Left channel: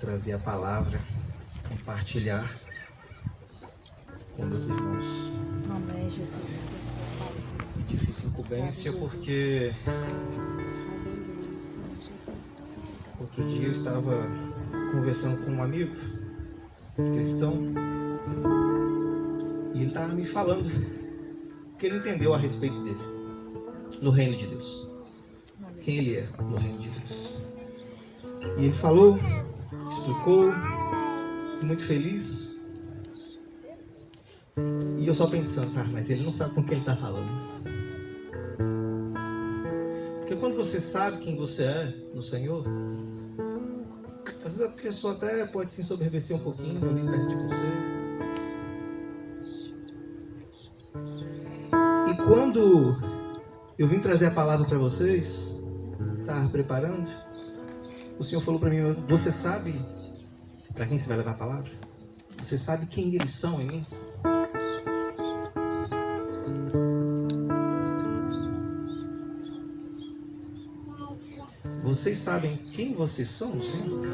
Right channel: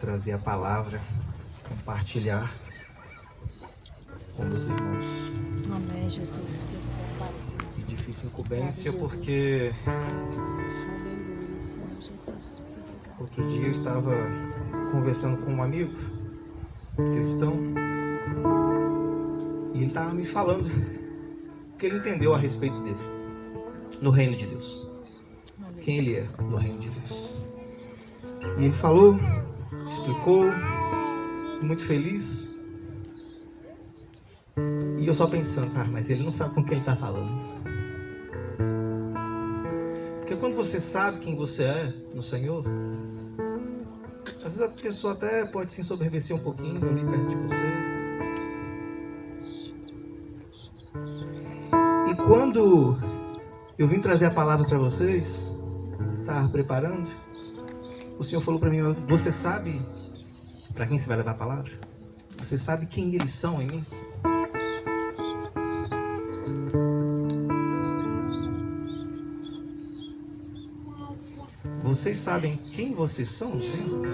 trazer a palavra, compartilhar com meus irmãos. Amém, Jesus. E difícil incumbência porque Aleluia, Senhor Jesus. outro dia eu estava conversando com um amigo cristão e ele estava me falando o que ele entendeu a respeito dele no reino de Deus. Quem ele é no reino de Deus. E ele falou, explicou, muito feliz. E eu só pensando, mas ele não sabe com quem ele está falando. Porque quando você sabe quem você é no Senhor, às vezes a pessoa até pode se ensoberbecer um pouquinho ali perto de você. E quando eu vim trazer a palavra para vocês, estava preparando, o Senhor falou para mim, você sabe para quem você vai levar a palavra? Você sabe quem eles são em mim? Vocês sabem quem vocês são no Senhor?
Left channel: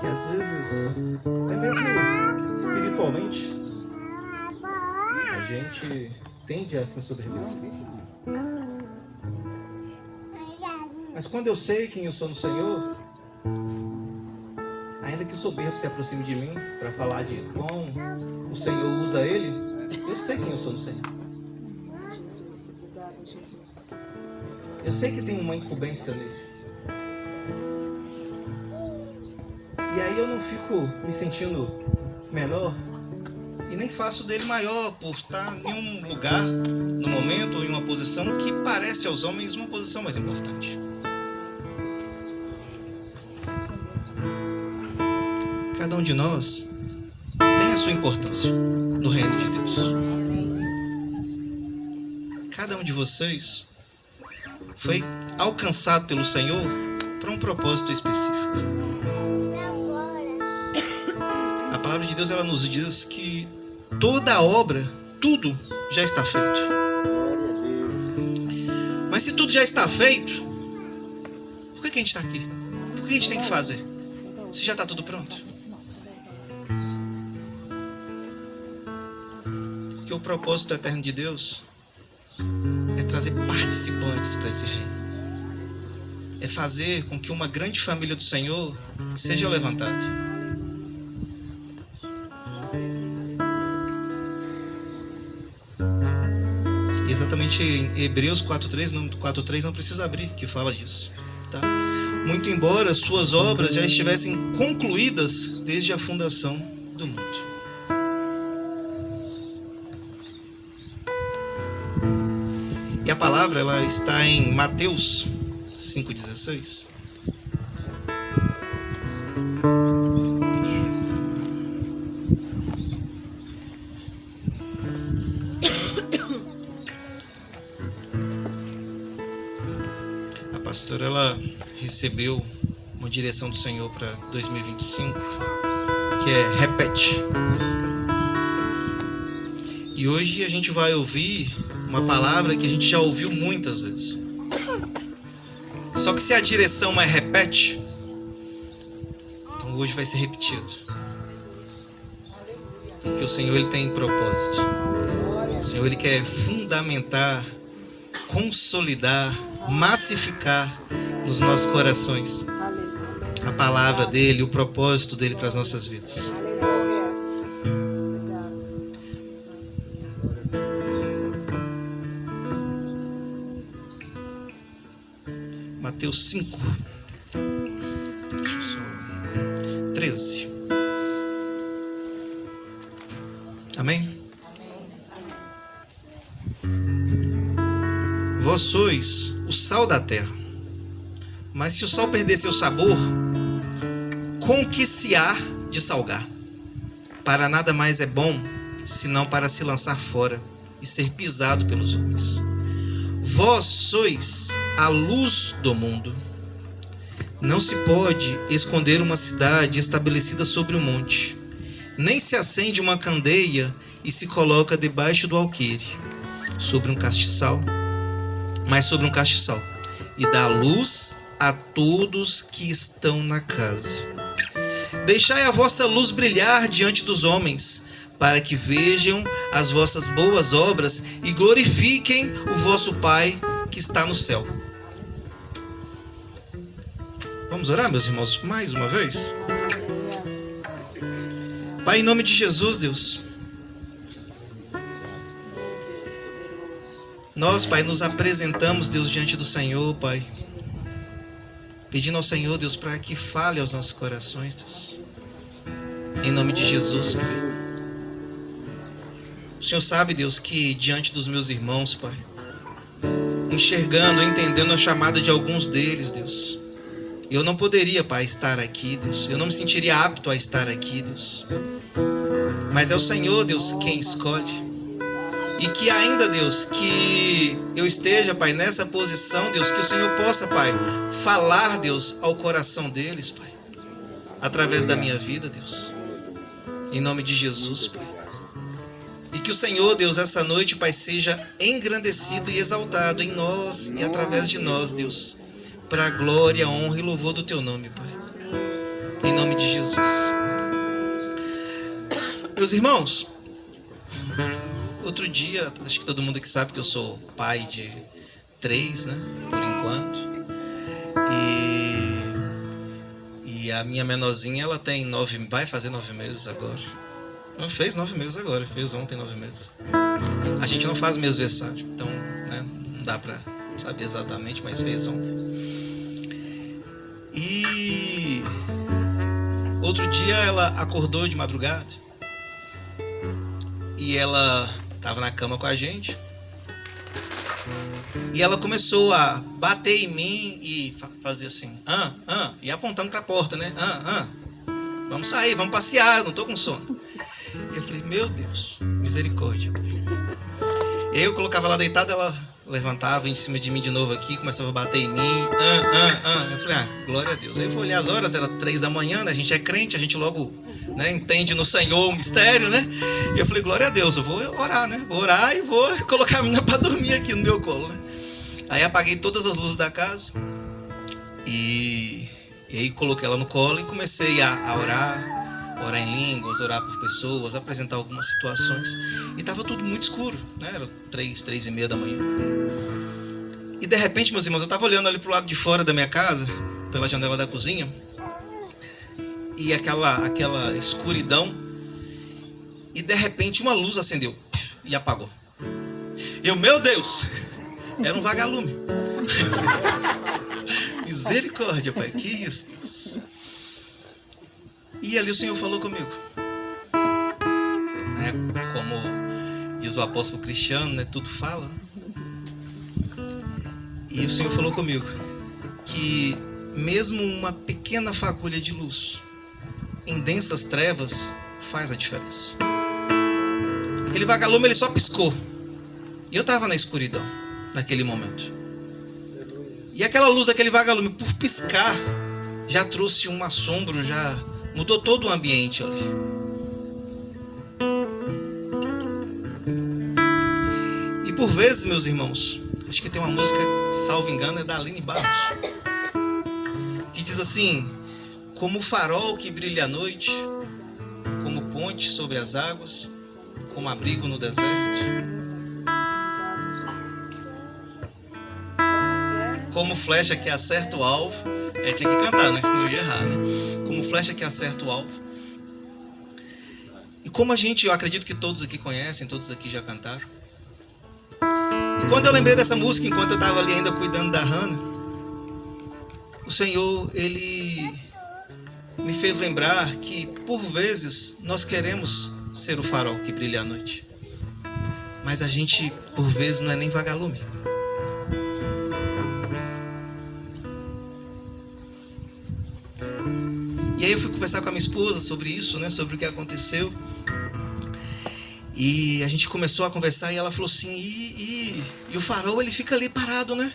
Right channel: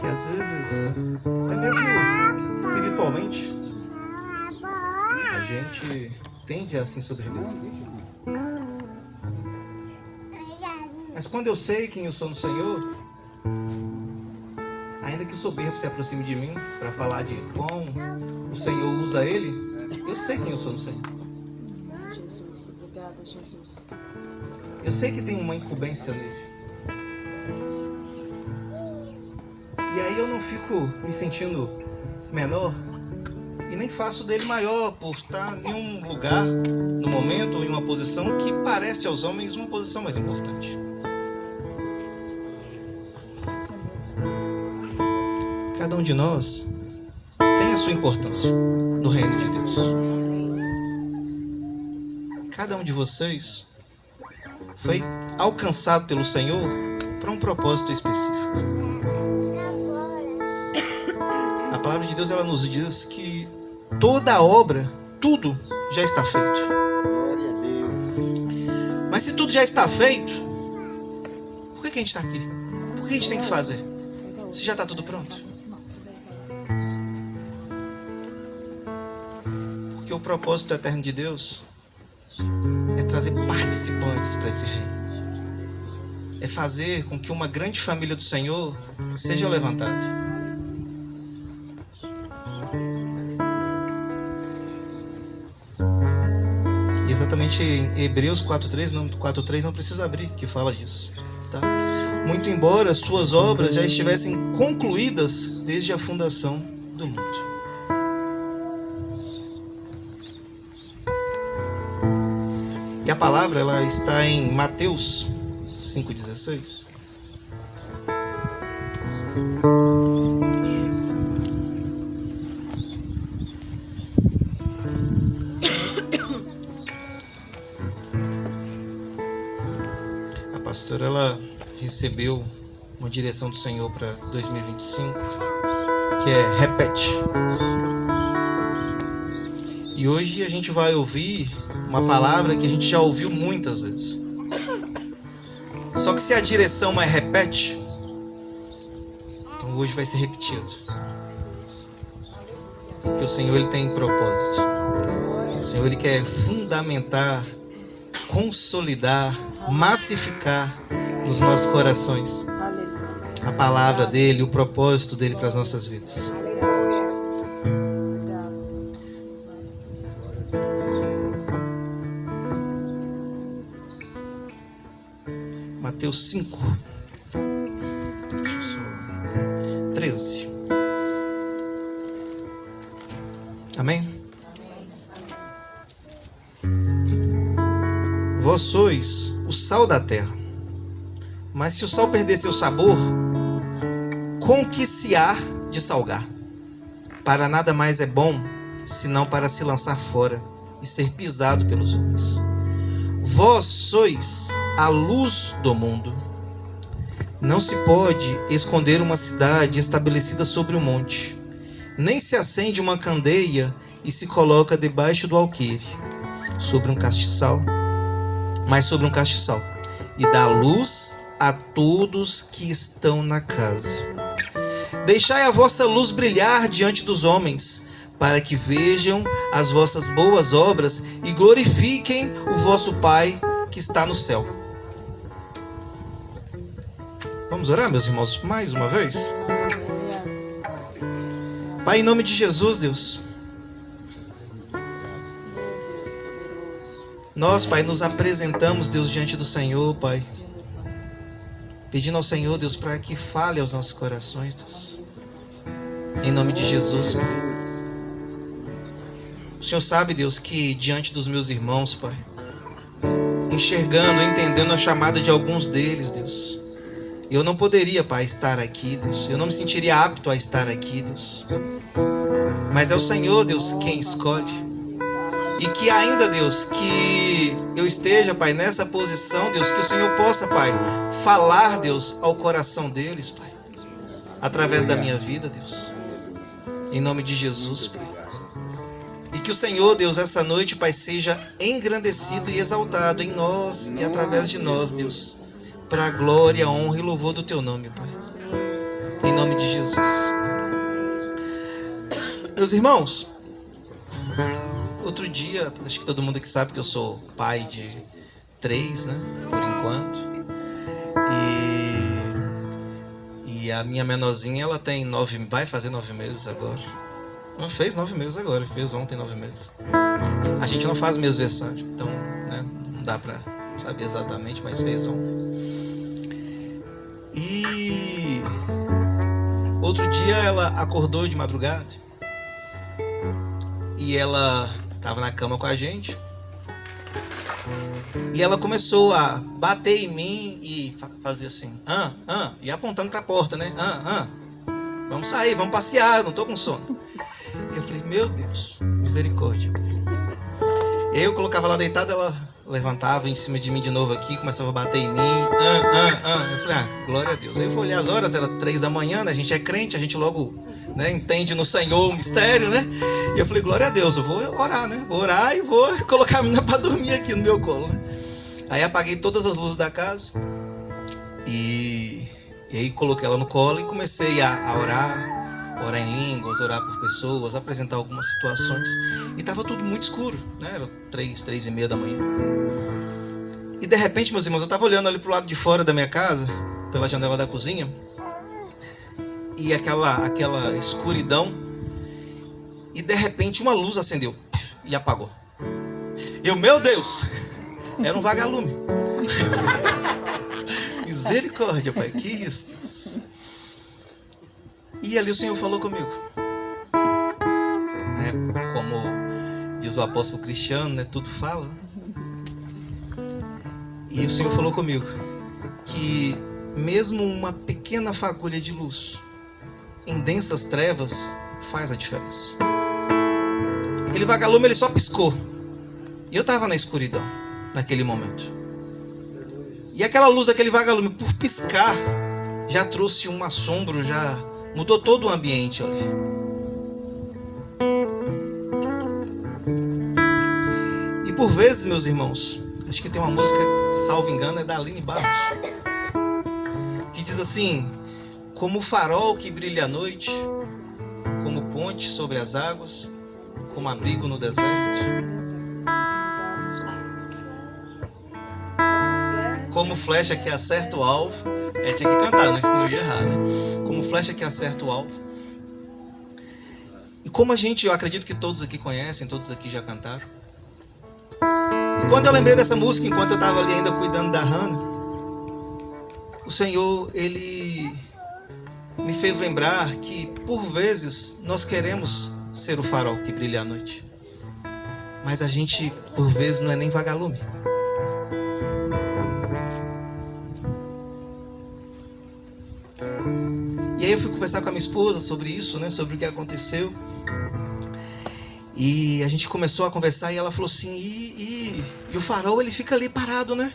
Que às vezes, até mesmo espiritualmente, a gente tende a se ensoberbecer. Mas quando eu sei quem eu sou no Senhor, ainda que o soberbo se aproxime de mim para falar de como o Senhor usa ele, eu sei quem eu sou no Senhor. Jesus, obrigada, Jesus. Eu sei que tem uma incumbência nele. E aí eu não fico me sentindo menor e nem faço dele maior por estar em um lugar, no momento, ou em uma posição que parece aos homens uma posição mais importante. Cada um de nós tem a sua importância no reino de Deus. Cada um de vocês foi alcançado pelo Senhor para um propósito específico. A palavra de Deus, ela nos diz que toda a obra, tudo já está feito. Mas se tudo já está feito, por que a gente está aqui? Por que a gente tem que fazer? Se já está tudo pronto. Porque o propósito eterno de Deus é trazer participantes para esse reino. É fazer com que uma grande família do Senhor seja levantada. E exatamente em Hebreus 4:3 não precisa abrir, que fala disso. Tá? Muito embora suas obras já estivessem concluídas desde a fundação do mundo. E a palavra, ela está em Mateus 5,16. A pastora, ela recebeu uma direção do Senhor para 2025, que é repete. E hoje a gente vai ouvir uma palavra que a gente já ouviu muitas vezes. Só que se a direção é repete, então hoje vai ser repetido. Porque o Senhor, ele tem propósito. O Senhor, ele quer fundamentar, consolidar, massificar nos nossos corações a palavra dele, o propósito dele para as nossas vidas. Mateus 5, 13. Amém? Vós sois o sal da terra. Mas se o sal perder seu sabor, com que se há de salgar? Para nada mais é bom, senão para se lançar fora e ser pisado pelos homens. Vós sois a luz do mundo. Não se pode esconder uma cidade estabelecida sobre um monte, nem se acende uma candeia e se coloca debaixo do alqueire, sobre um castiçal, mas sobre um castiçal, e dá luz a todos que estão na casa. Deixai a vossa luz brilhar diante dos homens, para que vejam as vossas boas obras e glorifiquem o vosso Pai que está no céu. Vamos orar, meus irmãos, mais uma vez? Pai, em nome de Jesus, Deus, nós, Pai, nos apresentamos, Deus, diante do Senhor, Pai, pedindo ao Senhor, Deus, para que fale aos nossos corações, Deus, em nome de Jesus, Pai. O Senhor sabe, Deus, que diante dos meus irmãos, Pai, enxergando, entendendo a chamada de alguns deles, Deus, eu não poderia, Pai, estar aqui, Deus, eu não me sentiria apto a estar aqui, Deus, mas é o Senhor, Deus, quem escolhe. E que ainda, Deus, que eu esteja, Pai, nessa posição, Deus, que o Senhor possa, Pai, falar, Deus, ao coração deles, Pai, através da minha vida, Deus, em nome de Jesus, Pai. E que o Senhor, Deus, essa noite, Pai, seja engrandecido e exaltado em nós e através de nós, Deus, para a glória, honra e louvor do Teu nome, Pai, em nome de Jesus. Meus irmãos, outro dia, acho que todo mundo aqui sabe que eu sou pai de 3, né, por enquanto, e a minha menorzinha, ela tem vai fazer 9 meses agora. Não fez 9 meses agora, fez ontem 9 meses. A gente não faz mêsversário, então, né, não dá pra saber exatamente, mas fez ontem. E outro dia ela acordou de madrugada e ela estava na cama com a gente e ela começou a bater em mim e fazer assim, e apontando para a porta, né? Vamos sair, vamos passear, não tô com sono. E eu falei, meu Deus, misericórdia. Eu colocava lá deitado, ela levantava em cima de mim de novo aqui, começava a bater em mim, Eu falei, glória a Deus. Aí eu fui olhar as horas, era 3 da manhã, né? A gente é crente, a gente logo, né, entende no Senhor o mistério, né? E eu falei, glória a Deus, eu vou orar, né? Vou orar e vou colocar a menina para dormir aqui no meu colo, né? Aí apaguei todas as luzes da casa e aí coloquei ela no colo e comecei a orar em línguas, orar por pessoas, apresentar algumas situações. E estava tudo muito escuro, né? Era 3:30 da manhã. E de repente, meus irmãos, eu estava olhando ali pro lado de fora da minha casa, pela janela da cozinha, e aquela escuridão, e de repente uma luz acendeu e apagou. E eu, meu Deus, era um vagalume. Misericórdia, Pai, que isso, Deus. E ali o Senhor falou comigo, né? Como diz o apóstolo Cristiano, né? Tudo fala. E o Senhor falou comigo que mesmo uma pequena fagulha de luz em densas trevas faz a diferença. Aquele vagalume, ele só piscou. E eu estava na escuridão naquele momento. E aquela luz daquele vagalume, por piscar, já trouxe um assombro, já mudou todo o ambiente ali. E por vezes, meus irmãos, acho que tem uma música, salvo engano, é da Aline Barros, que diz assim, como o farol que brilha à noite, como ponte sobre as águas, como abrigo no deserto, como flecha que acerta o alvo. Tinha que cantar, não ia errar, né? Como flecha que acerta o alvo. E como eu acredito que todos aqui conhecem, todos aqui já cantaram. E quando eu lembrei dessa música, enquanto eu estava ali ainda cuidando da Hannah, o Senhor, Ele me fez lembrar que, por vezes, nós queremos ser o farol que brilha à noite. Mas a gente, por vezes, não é nem vagalume. E aí eu fui conversar com a minha esposa sobre isso, né? Sobre o que aconteceu. E a gente começou a conversar e ela falou assim, e o farol, ele fica ali parado, né?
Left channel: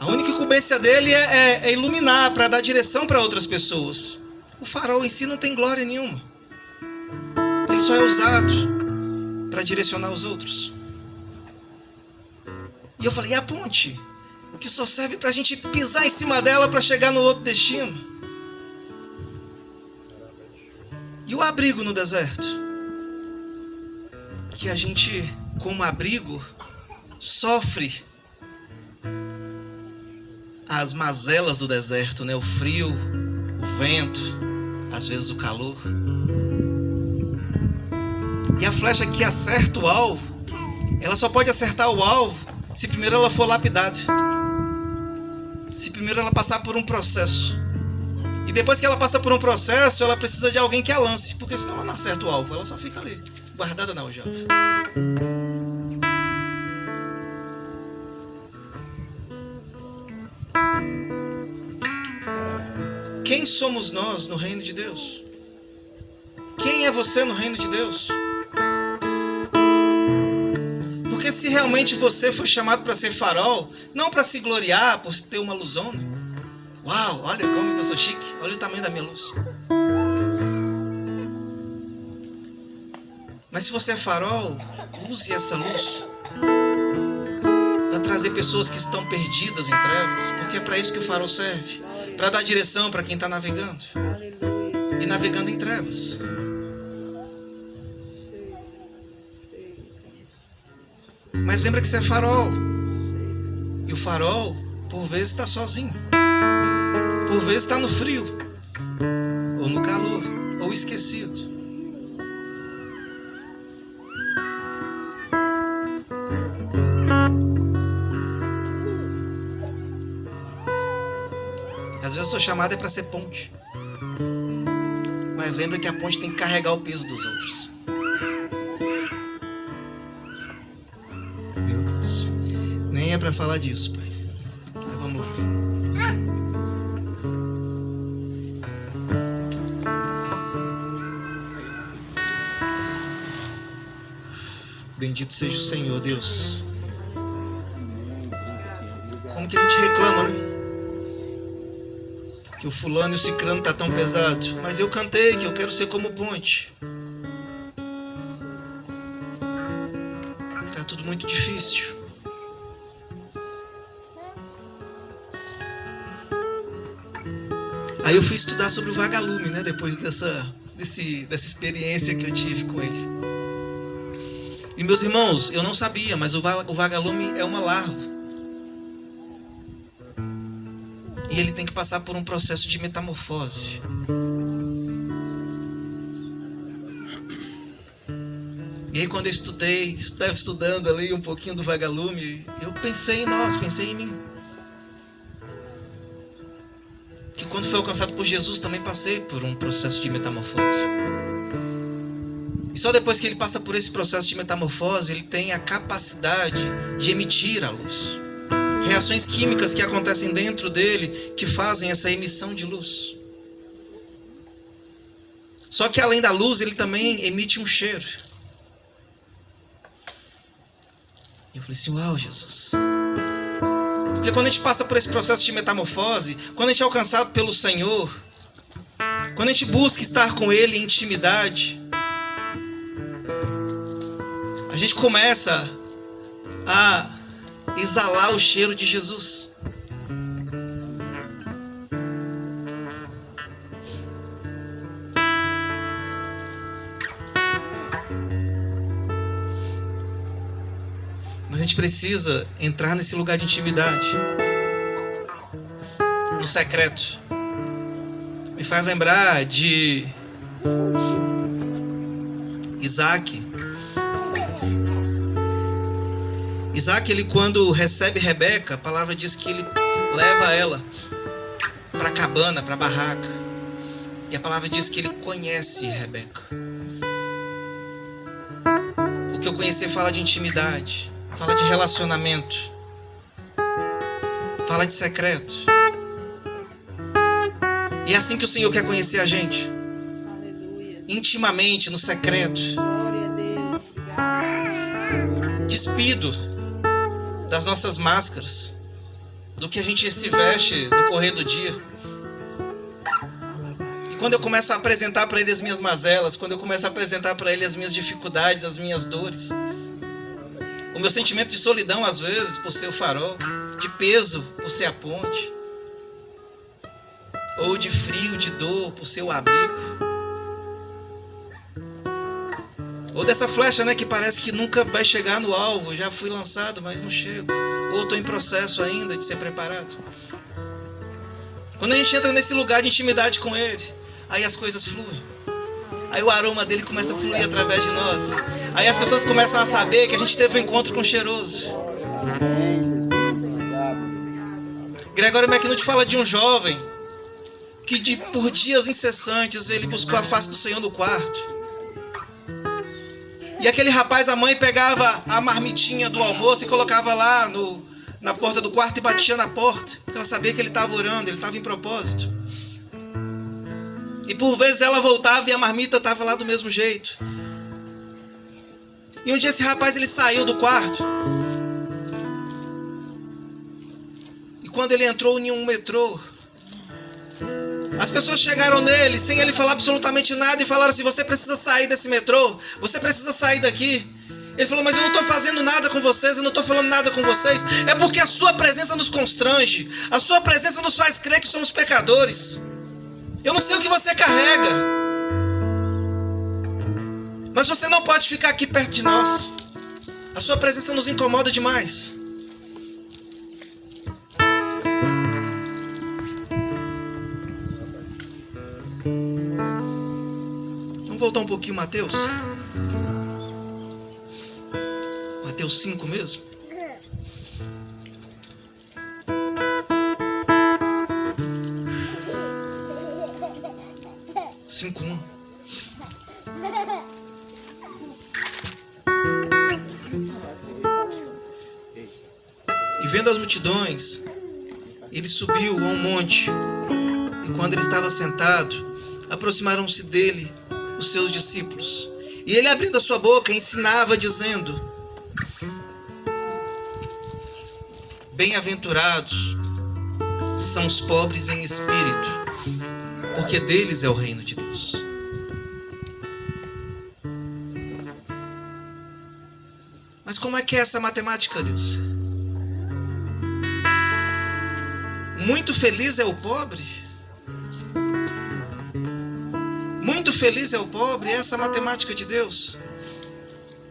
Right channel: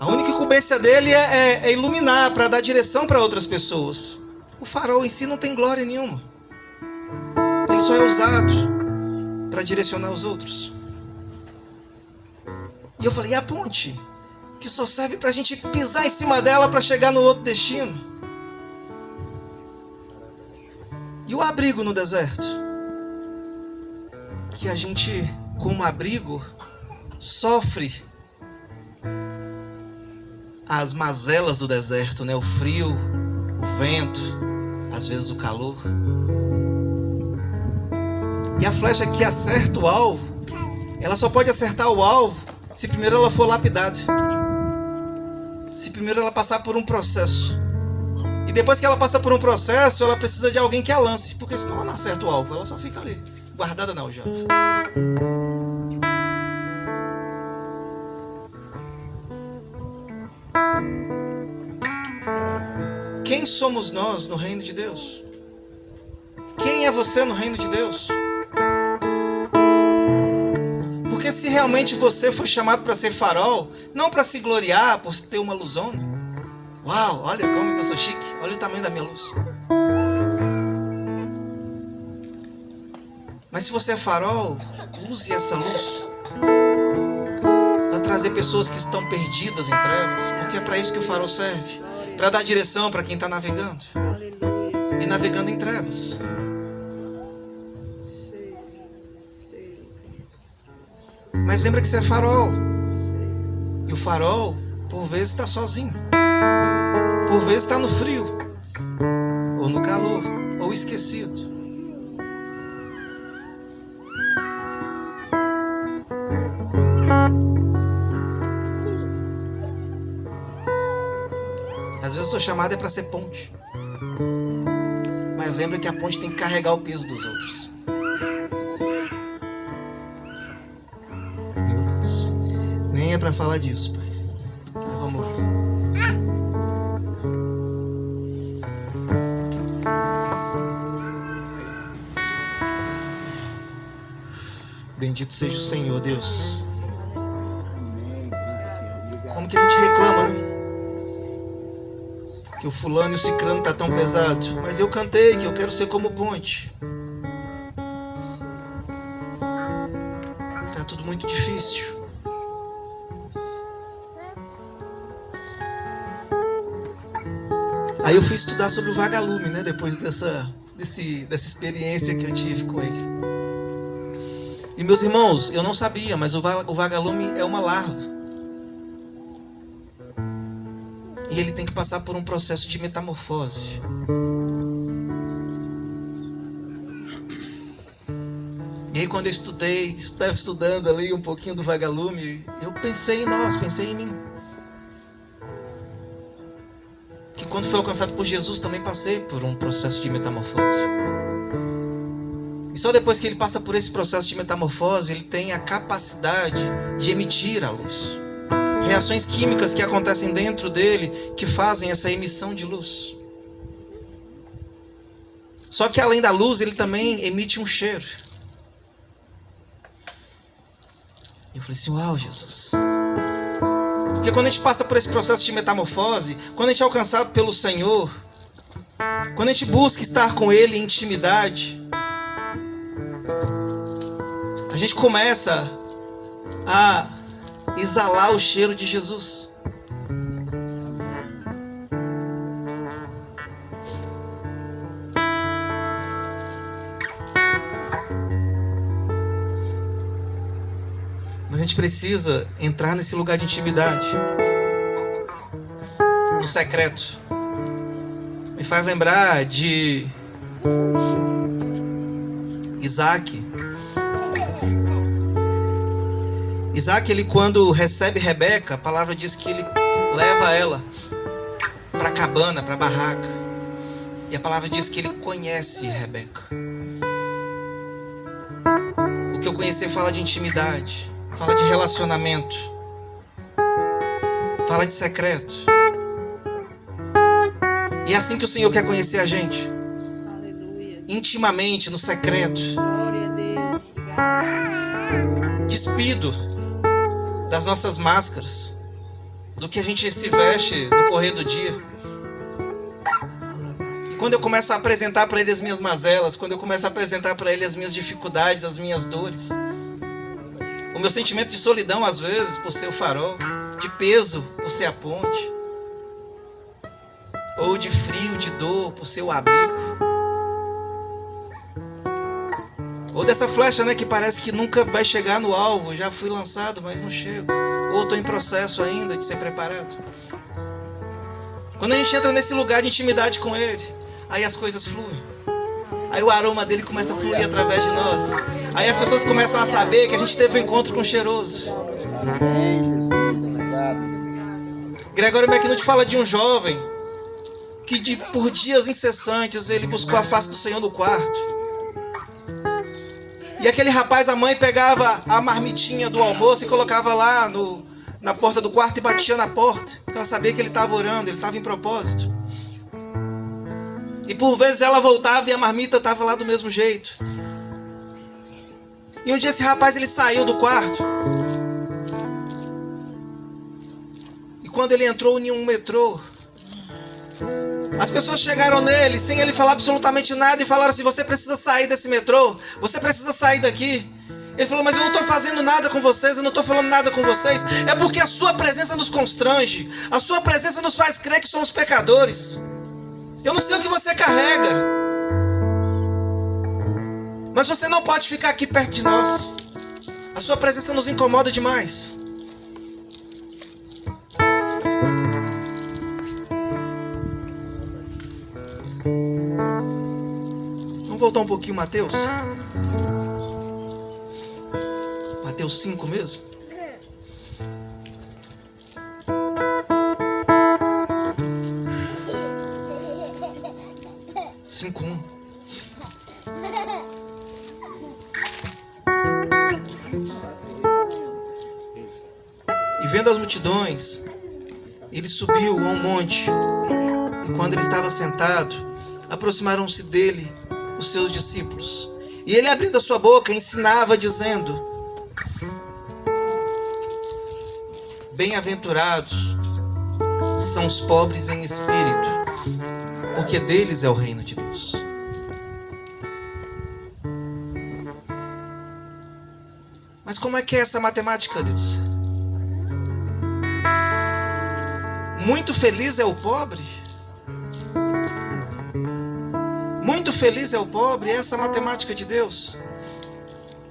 A única incumbência dele é iluminar, para dar direção para outras pessoas. O farol em si não tem glória nenhuma. Ele só é usado para direcionar os outros. E E eu falei, e a ponte? Que só serve para a gente pisar em cima dela para chegar no outro destino. E o abrigo no deserto? Que a gente, como abrigo, sofre as mazelas do deserto, né? O frio, o vento, às vezes o calor. E a flecha que acerta o alvo, ela só pode acertar o alvo se primeiro ela for lapidada. Se primeiro ela passar por um processo. E depois que ela passa por um processo, ela precisa de alguém que a lance, porque senão ela não acerta o alvo, ela só fica ali, guardada na aljava. Quem somos nós no reino de Deus? Quem é você no reino de Deus? Porque se realmente você foi chamado para ser farol, não para se gloriar por ter uma luzona. Uau, olha como eu sou chique, olha o tamanho da minha luz. Mas se você é farol, use essa luz para trazer pessoas que estão perdidas em trevas, porque é para isso que o farol serve, para dar direção para quem está navegando e navegando em trevas. Mas lembra que você é farol, e o farol por vezes está sozinho, por vezes está no frio, ou no calor, ou esquecido. Às vezes a sua chamada é para ser ponte, mas lembra que a ponte tem que carregar o peso dos outros. Meu Deus, nem é para falar disso, pai. Mas vamos lá. Bendito seja o Senhor, Deus. Como que a gente reclama, né? Que o fulano e o cicrano tá tão pesado. Mas eu cantei que eu quero ser como ponte. Tá tudo muito difícil. Aí eu fui estudar sobre o vagalume, né? Depois dessa experiência que eu tive com ele. E meus irmãos, eu não sabia, mas o vagalume é uma larva. E ele tem que passar por um processo de metamorfose. E aí quando eu estava estudando ali um pouquinho do vagalume, eu pensei em nós, pensei em mim. Que quando fui alcançado por Jesus, também passei por um processo de metamorfose. E só depois que ele passa por esse processo de metamorfose, ele tem a capacidade de emitir a luz. Reações químicas que acontecem dentro dele que fazem essa emissão de luz. Só que além da luz, ele também emite um cheiro. Eu falei assim, uau, Jesus. Porque quando a gente passa por esse processo de metamorfose, quando a gente é alcançado pelo Senhor, quando a gente busca estar com Ele em intimidade, a gente começa a exalar o cheiro de Jesus. Mas a gente precisa entrar nesse lugar de intimidade, no secreto. Me faz lembrar de Isaac. Isaac, ele quando recebe Rebeca, a palavra diz que ele leva ela para a cabana, para a barraca. E a palavra diz que ele conhece Rebeca. Porque o conhecer fala de intimidade, fala de relacionamento, fala de secreto. E é assim que o Senhor quer conhecer a gente. Intimamente, no secreto. Despido das nossas máscaras, do que a gente se veste no correr do dia. E quando eu começo a apresentar para Ele as minhas mazelas, quando eu começo a apresentar para Ele as minhas dificuldades, as minhas dores, O meu sentimento de solidão, às vezes, por ser o farol, de peso, por ser a ponte, ou de frio, de dor, por ser o abrigo, ou dessa flecha, né, que parece que nunca vai chegar no alvo. Já fui lançado, mas não chego, ou estou em processo ainda de ser preparado. Quando a gente entra nesse lugar de intimidade com Ele, aí as coisas fluem. Aí o aroma dele começa a fluir através de nós. Aí as pessoas começam a saber que a gente teve um encontro com o cheiroso. Gregório McNulty fala de um jovem que por dias incessantes ele buscou a face do Senhor no quarto. E aquele rapaz, a mãe pegava a marmitinha do almoço e colocava lá na porta do quarto e batia na porta, porque ela sabia que ele estava orando, ele estava em propósito. E por vezes ela voltava e a marmita estava lá do mesmo jeito. E um dia esse rapaz ele saiu do quarto. E quando ele entrou em um metrô, as pessoas chegaram nele sem ele falar absolutamente nada e falaram assim: você precisa sair desse metrô, você precisa sair daqui. Ele falou: mas eu não estou fazendo nada com vocês, eu não estou falando nada com vocês. É porque a sua presença nos constrange, a sua presença nos faz crer que somos pecadores. Eu não sei o que você carrega, mas você não pode ficar aqui perto de nós. A sua presença nos incomoda demais. Vamos voltar um pouquinho, Mateus. Mateus 5 mesmo. E vendo as multidões, ele subiu a um monte. E quando ele estava sentado, aproximaram-se dele os seus discípulos. E ele, abrindo a sua boca, ensinava, dizendo: bem-aventurados são os pobres em espírito, porque deles é o reino de Deus. Mas como é que é essa matemática, Deus? Muito feliz é o pobre? Muito feliz é o pobre? Essa é a matemática de Deus.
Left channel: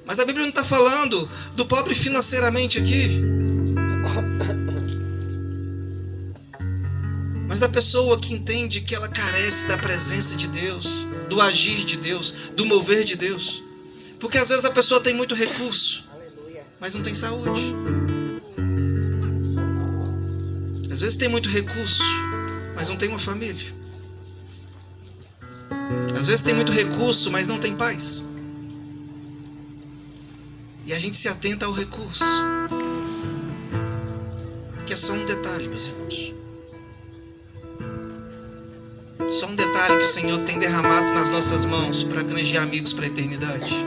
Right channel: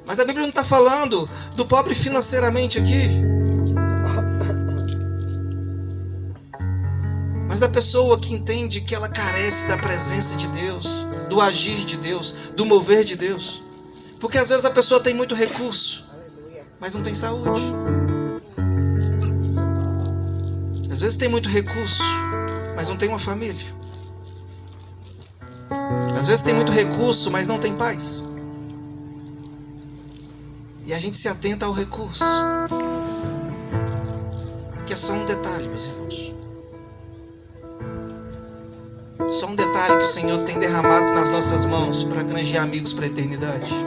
Mas a Bíblia não está falando do pobre financeiramente aqui, mas da pessoa que entende que ela carece da presença de Deus, do agir de Deus, do mover de Deus. Porque às vezes a pessoa tem muito recurso, mas não tem saúde. Às vezes tem muito recurso, mas não tem uma família. Às vezes tem muito recurso, mas não tem paz. E a gente se atenta ao recurso, que é só um detalhe, meus irmãos. Só um detalhe que o Senhor tem derramado nas nossas mãos para granjear amigos para a eternidade,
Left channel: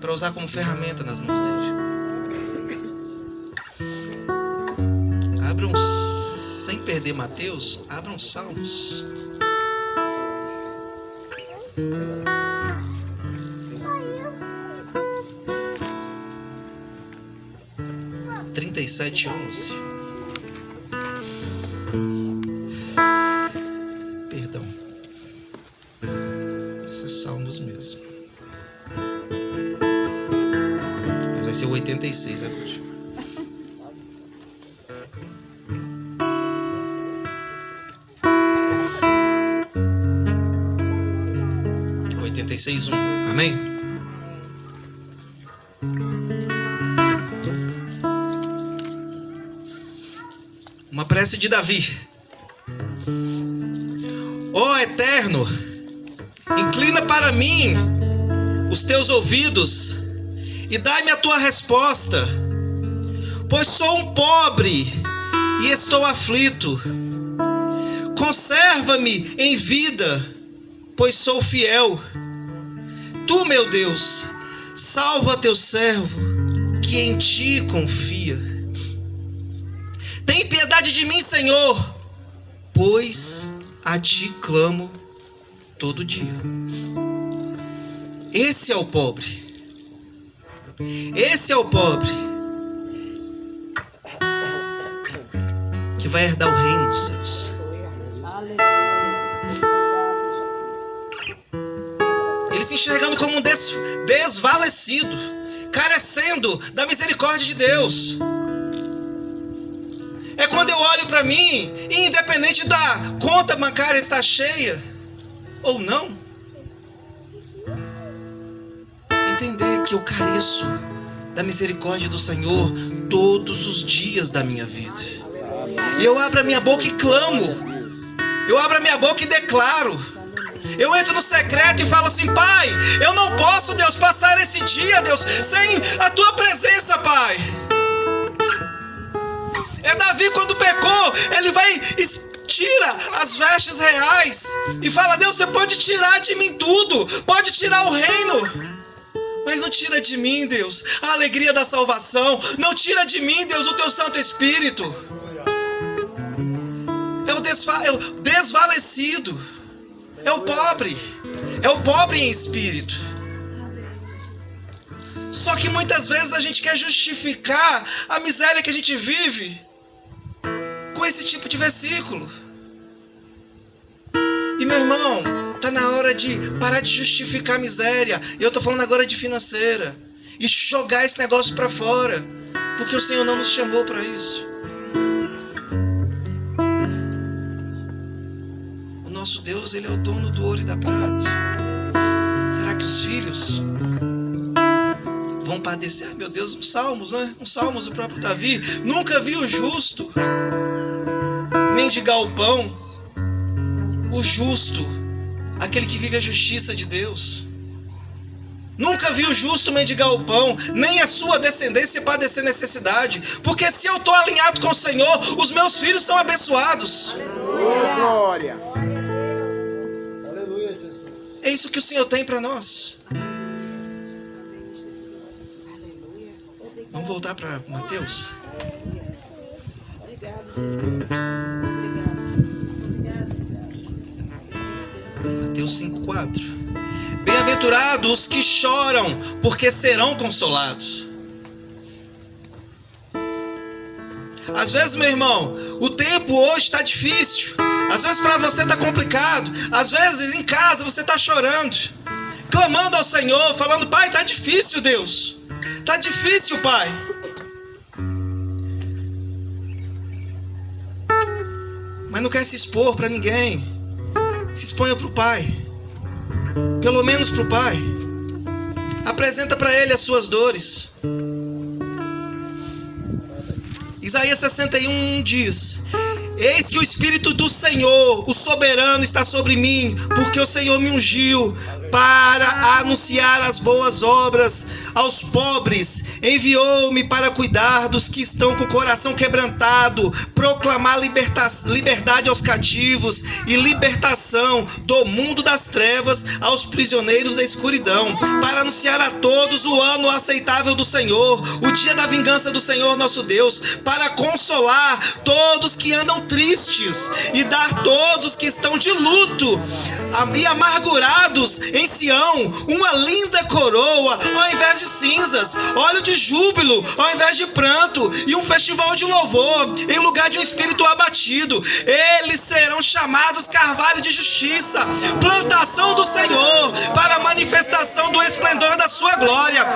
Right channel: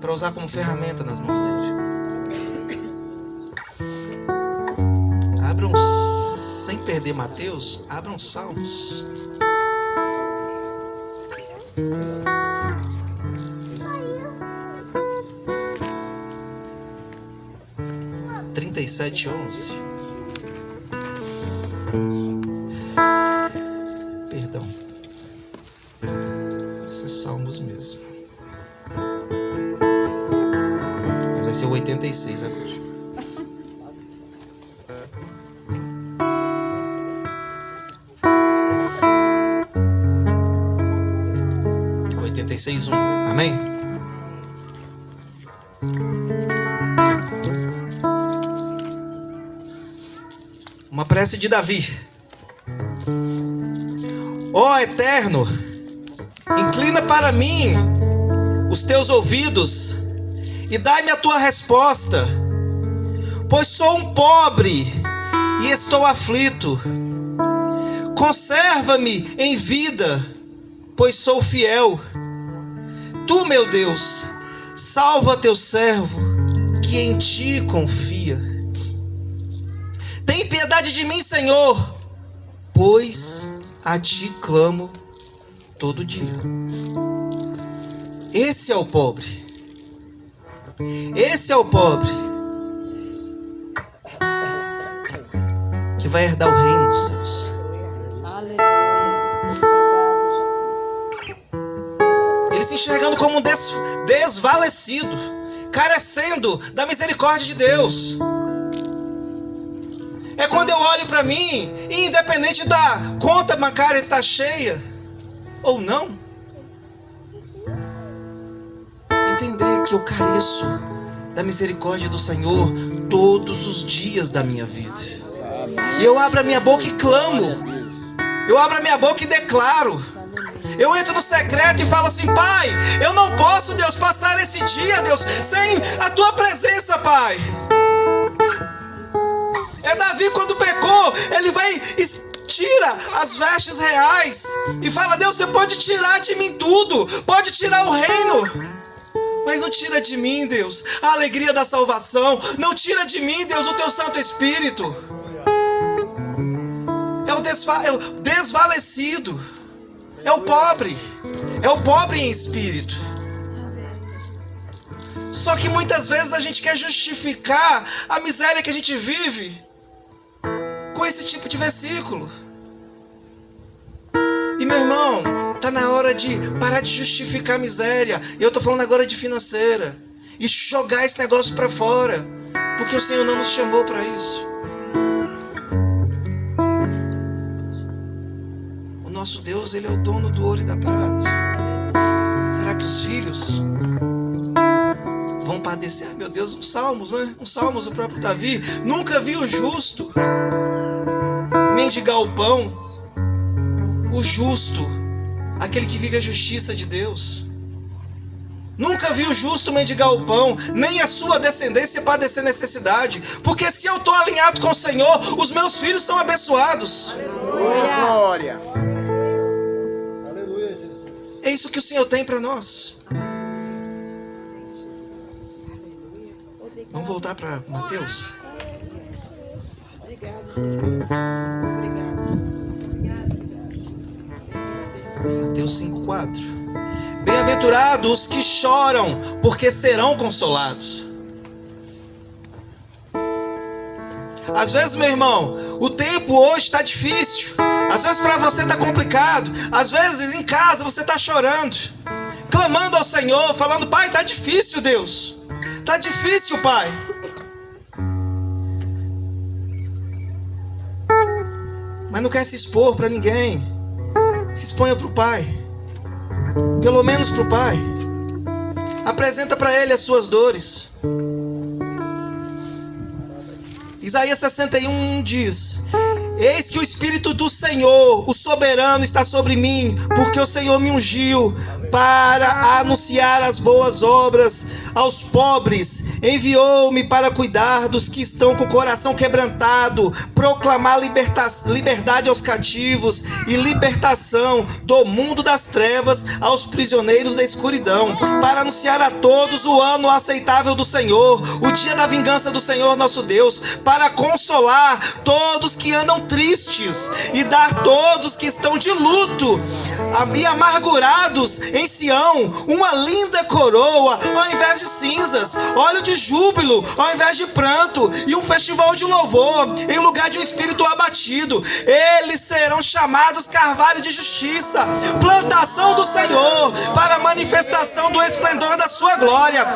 para usar como ferramenta nas mãos dele. Abram, sem perder Mateus, abram Salmos. Trinta e 11. Perdão. Esses Salmos mesmo. Mas vai ser o 86 agora. O 86:1. Amém? Uma prece de Davi. Ó Eterno, inclina para mim os teus ouvidos e dai-me a tua resposta, pois sou um pobre e estou aflito. Conserva-me em vida, pois sou fiel. Tu, meu Deus, salva teu servo que em ti confia. Tem piedade de mim, Senhor, pois a ti clamo todo dia. Esse é o pobre. Esse é o pobre que vai herdar o reino dos céus. Ele se enxergando como um desvalecido, carecendo da misericórdia de Deus. É quando eu olho para mim, e independente da conta bancária estar cheia ou não, entender que eu careço da misericórdia do Senhor todos os dias da minha vida. E eu abro a minha boca e clamo. Eu abro a minha boca e declaro. Eu entro no secreto e falo assim: Pai, eu não posso, Deus, passar esse dia, Deus, sem a Tua presença, Pai. É Davi, quando pecou, ele vai e tira as vestes reais e fala: Deus, Você pode tirar de mim tudo, pode tirar o reino, mas não tira de mim, Deus, a alegria da salvação. Não tira de mim, Deus, o Teu Santo Espírito. É o desvalecido, é o pobre em espírito. Só que muitas vezes a gente quer justificar a miséria que a gente vive com esse tipo de versículo. E meu irmão, está na hora de parar de justificar a miséria. Eu estou falando agora de financeira. E jogar esse negócio para fora. Porque o Senhor não nos chamou para isso. O nosso Deus, Ele é o dono do ouro e da prata. Será que os filhos vão padecer? Meu Deus, um Salmos, né? Um Salmos do próprio Davi. Nunca vi o justo mendigar o pão. O justo, aquele que vive a justiça de Deus. Nunca vi o justo mendigar o pão, nem a sua descendência padecer necessidade. Porque se eu estou alinhado com o Senhor, os meus filhos são abençoados. Aleluia. Glória. Aleluia, Jesus. É isso que o Senhor tem para nós. Vamos voltar para Mateus. Mateus 5:4. Bem-aventurados os que choram, porque serão consolados. Às vezes, meu irmão, o tempo hoje está difícil. Às vezes para você está complicado. Às vezes em casa você está chorando, clamando ao Senhor, falando: Pai, está difícil, Deus. Está difícil, Pai. Mas não quer se expor para ninguém. Se exponha para o Pai. Pelo menos para o Pai. Apresenta para Ele as suas dores. Isaías 61 diz: Eis que o Espírito do Senhor, o soberano, está sobre mim, porque o Senhor me ungiu para anunciar as boas obras aos pobres. Enviou-me para cuidar dos que estão com o coração quebrantado, proclamar liberdade aos cativos e libertação do mundo das trevas aos prisioneiros da escuridão, para anunciar a todos o ano aceitável do Senhor, o dia da vingança do Senhor nosso Deus, para consolar todos que andam tristes e dar todos que estão de luto e amargurados em Sião uma linda coroa ao invés de cinzas, óleo de júbilo ao invés de pranto, e um festival de louvor em lugar de um espírito abatido. Eles serão chamados carvalho de justiça, plantação do Senhor, para a manifestação do esplendor da sua glória.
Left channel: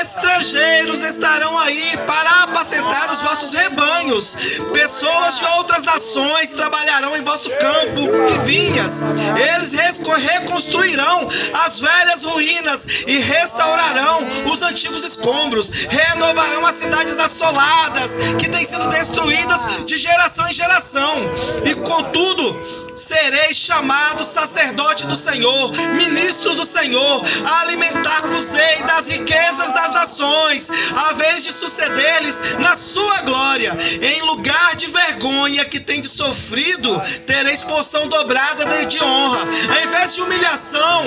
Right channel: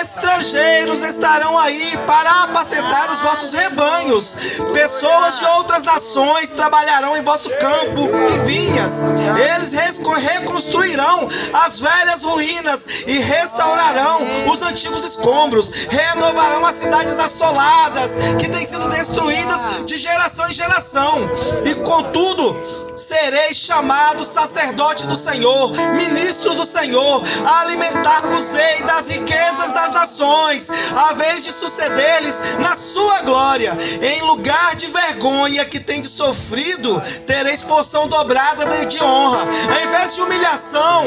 Estrangeiros estarão aí para apacentar os vossos rebanhos. Pessoas de outras nações trabalharão em vosso campo e vinhas. Eles reconstruirão as velhas ruínas e restaurarão os antigos escombros. Renovarão as cidades assoladas que têm sido destruídas de geração em geração. E contudo, sereis chamados sacerdote do Senhor, ministros do Senhor, alimentar-vos-ei das riquezas das nações, a vez de suceder-lhes na sua glória. Em lugar de vergonha que tendes sofrido, tereis porção dobrada de honra. Ao invés de humilhação,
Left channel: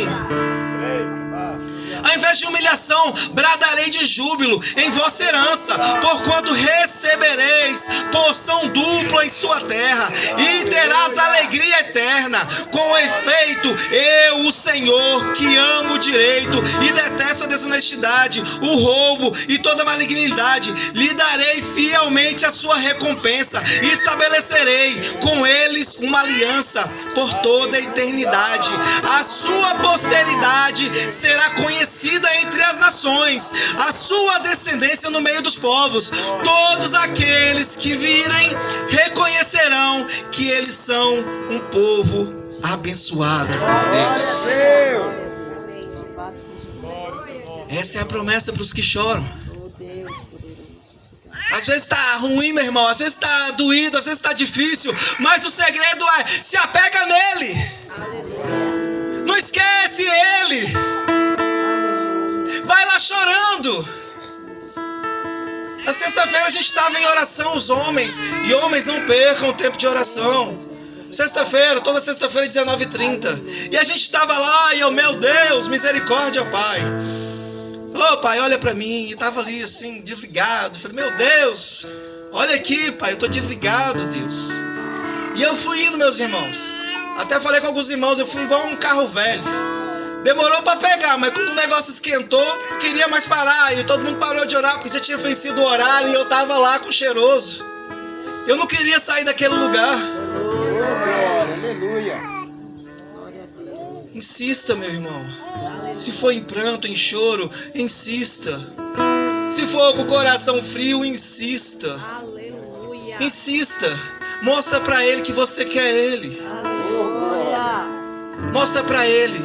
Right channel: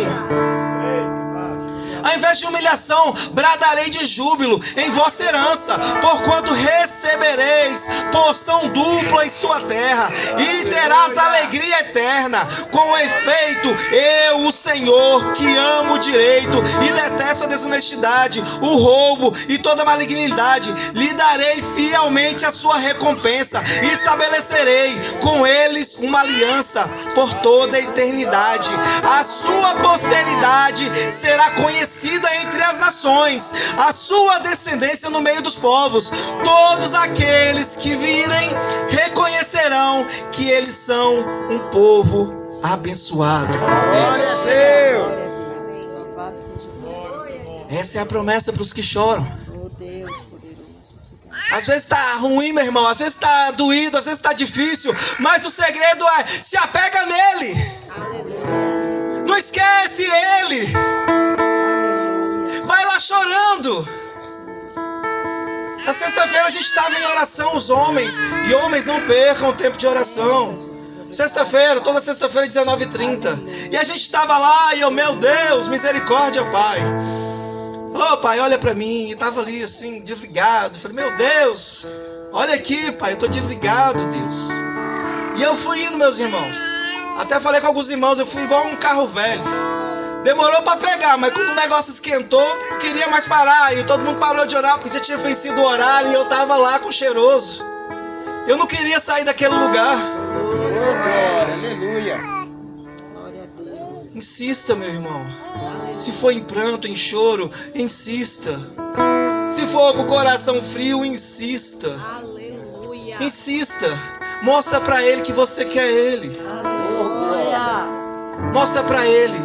Ao invés de humilhação, bradarei de júbilo em vossa herança, porquanto recebereis porção dupla em sua terra, e terás alegria eterna. Com efeito, eu, o Senhor, que amo o direito e detesto a desonestidade, o roubo e toda malignidade, lhe darei fielmente a sua recompensa, e estabelecerei com eles uma aliança por toda a eternidade. A sua posteridade será conhecida entre as nações, a sua descendência no meio dos povos. Todos aqueles que virem reconhecerão que eles são um povo abençoado por Deus. Essa é a promessa para os que choram. Às vezes está ruim, meu irmão, às vezes está doído, às vezes está difícil, mas o segredo é: se apega nele, não esquece ele, vai lá chorando. Na sexta-feira a gente estava em oração, os homens, e homens não percam o tempo de oração. Sexta-feira, toda sexta-feira 19h30, e a gente estava lá e eu, meu Deus, misericórdia, Pai. Ô Pai, olha pra mim. E tava ali assim, desligado. Falei, meu Deus, olha aqui, Pai, eu tô desligado, Deus. E eu fui indo, meus irmãos. Até falei com alguns irmãos, eu fui igual um carro velho. Demorou pra pegar, mas quando o negócio esquentou, não queria mais parar. E todo mundo parou de orar, porque já tinha vencido o horário. E eu tava lá com o cheiroso. Eu não queria sair daquele lugar. Aleluia. Insista, meu irmão. Se for em pranto, em choro, insista. Se for com o coração frio, insista. Aleluia. Insista. Mostra pra ele que você quer ele. Aleluia. Mostra pra ele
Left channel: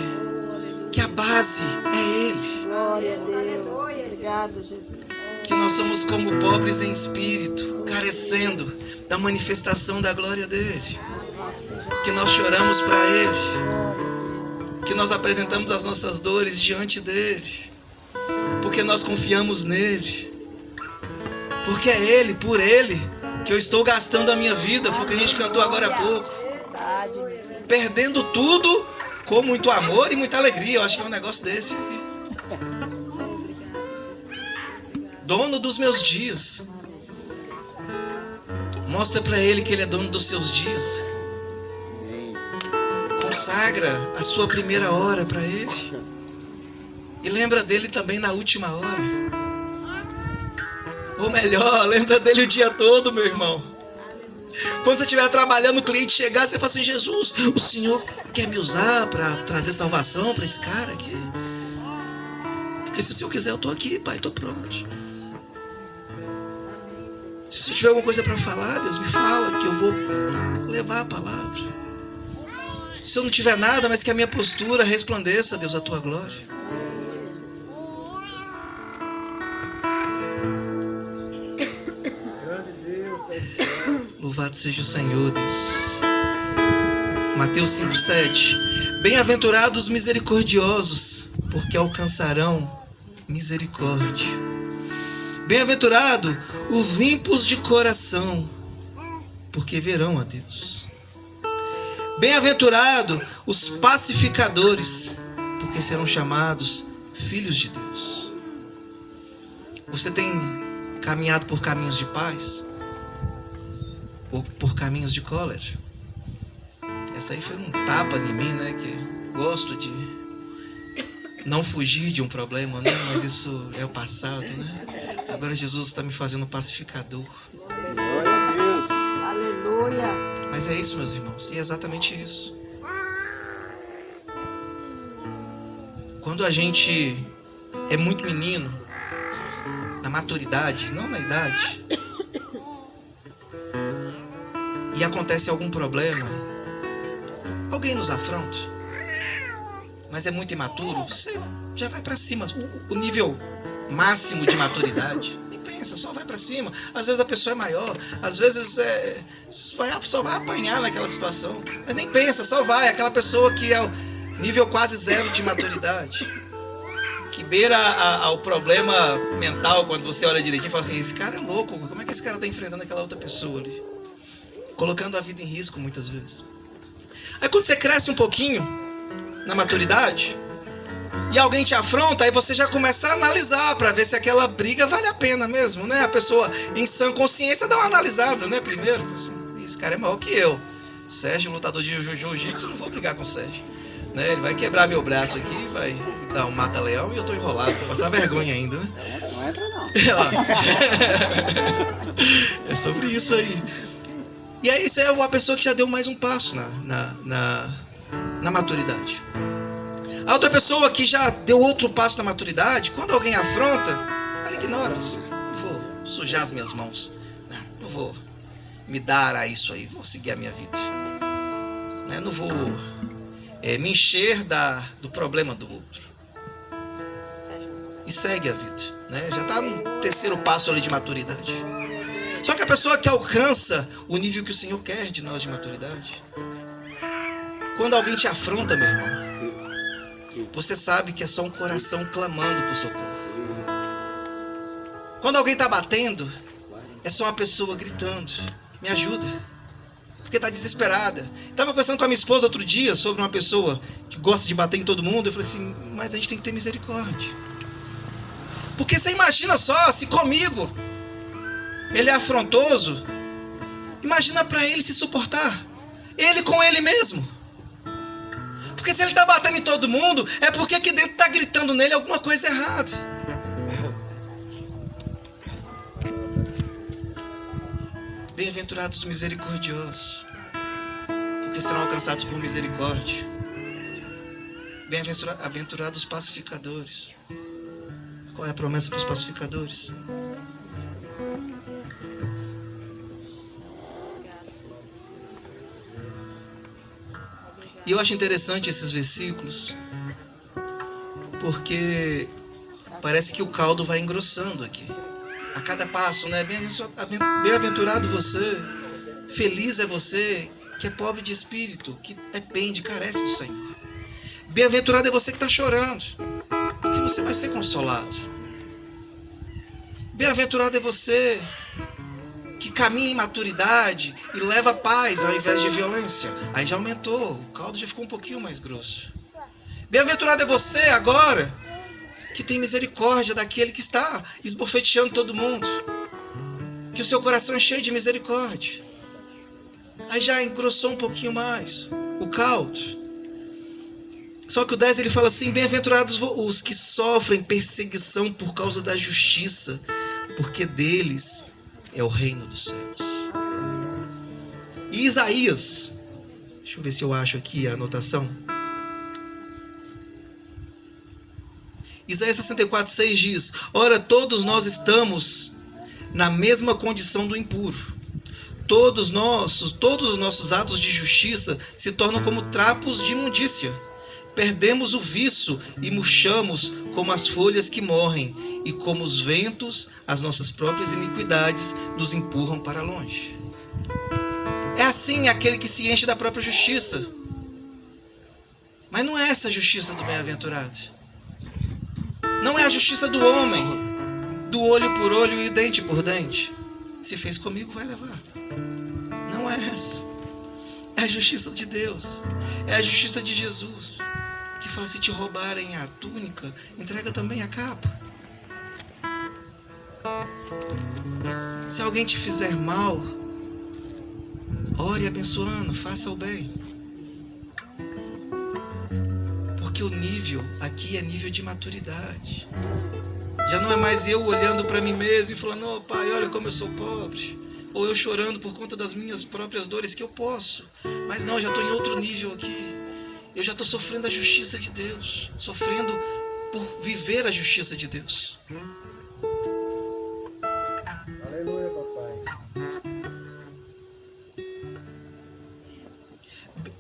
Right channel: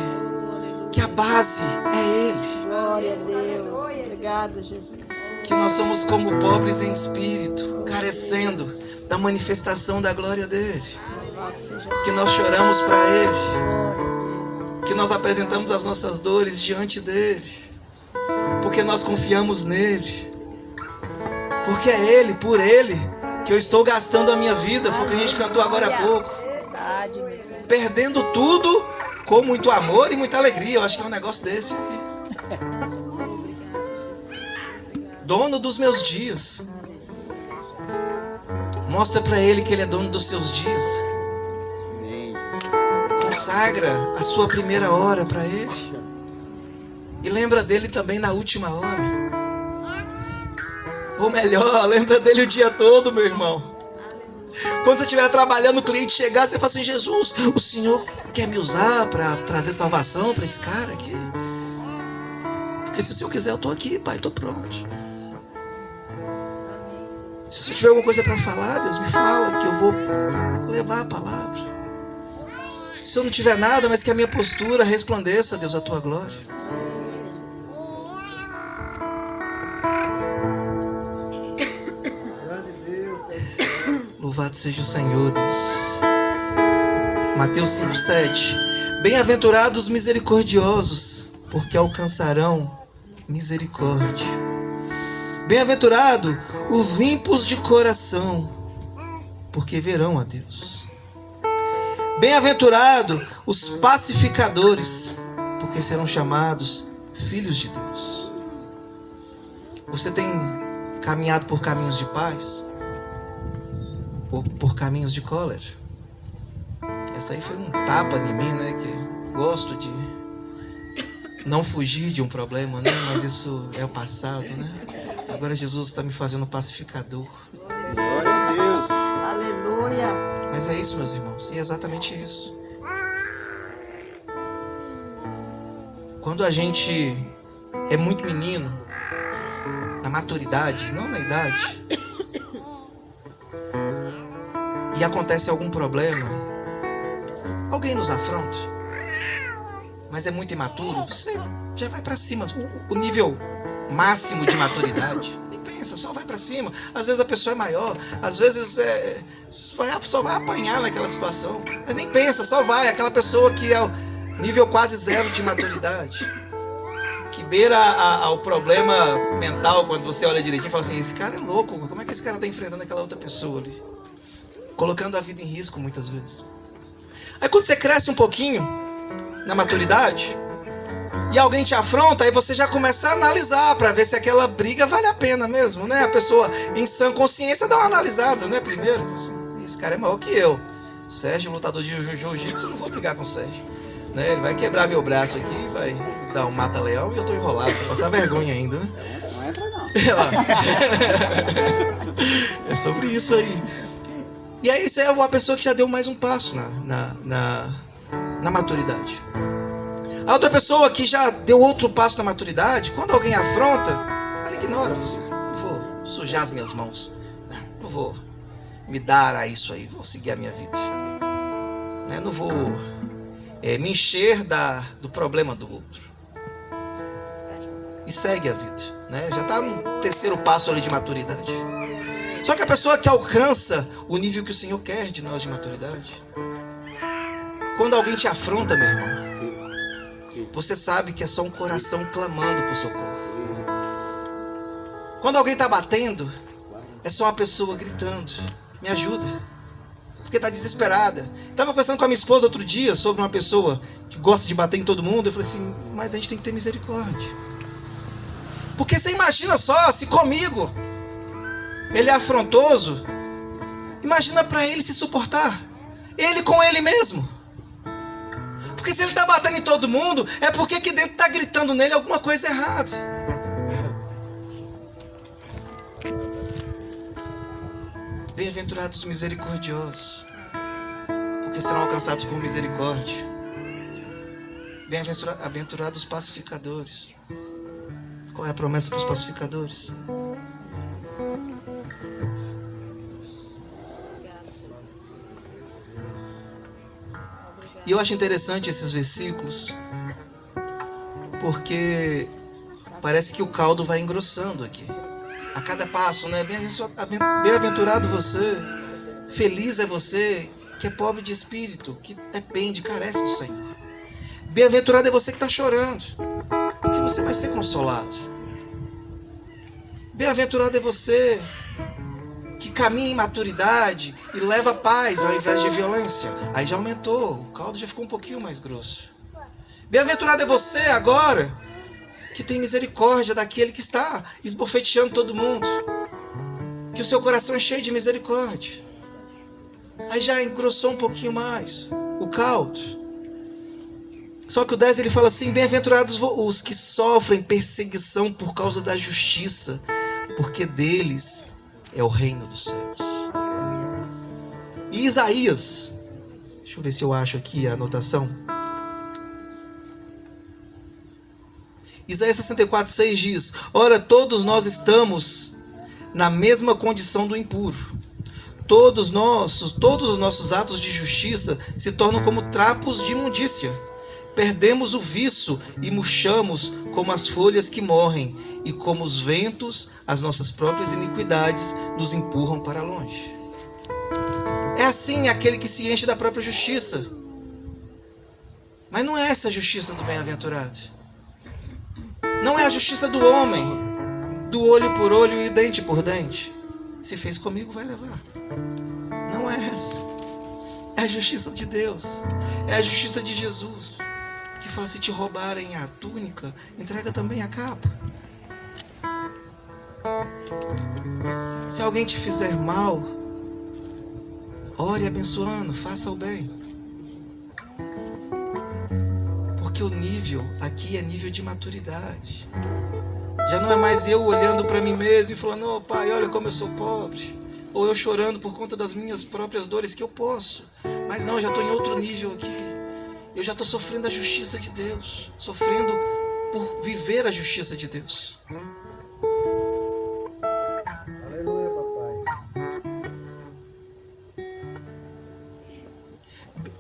que a base é ele. Glória a Deus. Obrigado, Jesus. Que nós somos como pobres em espírito, carecendo da manifestação da glória dele. Que nós choramos pra ele. Que nós apresentamos as nossas dores diante dele, porque nós confiamos nele, porque é ele, por ele, que eu estou gastando a minha vida. Foi o que a gente cantou agora há pouco. Perdendo tudo com muito amor e muita alegria. Eu acho que é um negócio desse. Dono dos meus dias. Mostra para ele que ele é dono dos seus dias. Consagra a sua primeira hora para ele. E lembra dele também na última hora. Ou melhor, lembra dele o dia todo, meu irmão. Quando você estiver trabalhando, o cliente chegar, você fala assim: Jesus, o Senhor quer me usar para trazer salvação para esse cara aqui? Porque se o Senhor quiser, eu estou aqui, Pai, estou pronto. Se eu tiver alguma coisa para falar, Deus, me fala, que eu vou levar a palavra. Se eu não tiver nada, mas que a minha postura resplandeça, Deus, a tua glória. Louvado seja o Senhor, Deus. Mateus 5:7. Bem-aventurados os misericordiosos, porque alcançarão misericórdia. Bem-aventurado os limpos de coração, porque verão a Deus. Bem-aventurado os pacificadores, porque serão chamados filhos de Deus. Você tem caminhado por caminhos de paz? Ou por caminhos de cólera? Essa aí foi um tapa em mim, né? Que gosto de não fugir de um problema, né? Mas isso é o passado, né? Agora Jesus está me fazendo pacificador. Glória a Deus. Aleluia. Mas é isso, meus irmãos, e é exatamente isso. Quando a gente é muito menino, na maturidade, não na idade, e acontece algum problema, alguém nos afronta, mas é muito imaturo, você já vai pra cima, o nível máximo de maturidade, nem pensa, só vai pra cima. Às vezes a pessoa é maior, às vezes só vai apanhar naquela situação, mas nem pensa, só vai. Aquela pessoa que é o nível quase zero de maturidade, que beira ao problema mental, quando você olha direitinho e fala assim: esse cara é louco, como é que esse cara está enfrentando aquela outra pessoa ali? Colocando a vida em risco muitas vezes. Aí quando você cresce um pouquinho na maturidade, e alguém te afronta, aí você já começa a analisar para ver se aquela briga vale a pena mesmo, né? A pessoa em sã consciência dá uma analisada, né? Primeiro, assim, esse cara é maior que eu. Sérgio, lutador de jiu-jitsu, eu não vou brigar com o Sérgio, né? Ele vai quebrar meu braço aqui, vai dar um mata-leão e eu tô enrolado, vou passar vergonha ainda, né? Não entra não. É sobre isso aí. E aí você é uma pessoa que já deu mais um passo na maturidade. A outra pessoa que já deu outro passo na maturidade, quando alguém afronta, ela ignora. Você, não vou sujar as minhas mãos, não vou me dar a isso aí, vou seguir a minha vida, não vou me encher do problema do outro, e segue a vida, né? Já está no terceiro passo ali de maturidade. Só que a pessoa que alcança o nível que o Senhor quer de nós de maturidade, quando alguém te afronta, meu irmão, você sabe que é só um coração clamando por socorro. Quando alguém está batendo, é só uma pessoa gritando, me ajuda, porque está desesperada. Estava conversando com a minha esposa outro dia sobre uma pessoa que gosta de bater em todo mundo. Eu falei assim, mas a gente tem que ter misericórdia. Porque você imagina só, se comigo ele é afrontoso, imagina para ele se suportar, ele com ele mesmo. Porque se ele está batendo em todo mundo, é porque aqui dentro está gritando nele alguma coisa errada. Bem-aventurados os misericordiosos, porque serão alcançados por misericórdia. Bem-aventurados os pacificadores. Qual é a promessa para os pacificadores? E eu acho interessante esses versículos, porque parece que o caldo vai engrossando aqui. A cada passo, né? Bem-aventurado você, feliz é você que é pobre de espírito, que depende, carece do Senhor. Bem-aventurado é você que está chorando, porque você vai ser consolado. Bem-aventurado é você que caminha em maturidade e leva paz ao invés de violência. Aí já aumentou, o caldo já ficou um pouquinho mais grosso. Bem-aventurado é você agora que tem misericórdia daquele que está esbofeteando todo mundo, que o seu coração é cheio de misericórdia. Aí já engrossou um pouquinho mais o caldo. Só que o 10 ele fala assim, bem-aventurados os que sofrem perseguição por causa da justiça, porque deles é o reino dos céus. E Isaías, deixa eu ver se eu acho aqui a anotação. Isaías 64:6 diz, ora, todos nós estamos na mesma condição do impuro. Todos os nossos atos de justiça se tornam como trapos de imundícia. Perdemos o viço e murchamos como as folhas que morrem, e como os ventos, as nossas próprias iniquidades nos empurram para longe. É assim aquele que se enche da própria justiça. Mas não é essa a justiça do bem-aventurado. Não é a justiça do homem, do olho por olho e dente por dente. Se fez comigo, vai levar. Não é essa. É a justiça de Deus. É a justiça de Jesus, que fala, se te roubarem a túnica, entrega também a capa. Se alguém te fizer mal, ore abençoando, faça o bem. Porque o nível aqui é nível de maturidade. Já não é mais eu olhando para mim mesmo e falando, oh pai, olha como eu sou pobre. Ou eu chorando por conta das minhas próprias dores, que eu posso. Mas não, eu já estou em outro nível aqui. Eu já estou sofrendo a justiça de Deus. Sofrendo por viver a justiça de Deus. Aleluia, papai.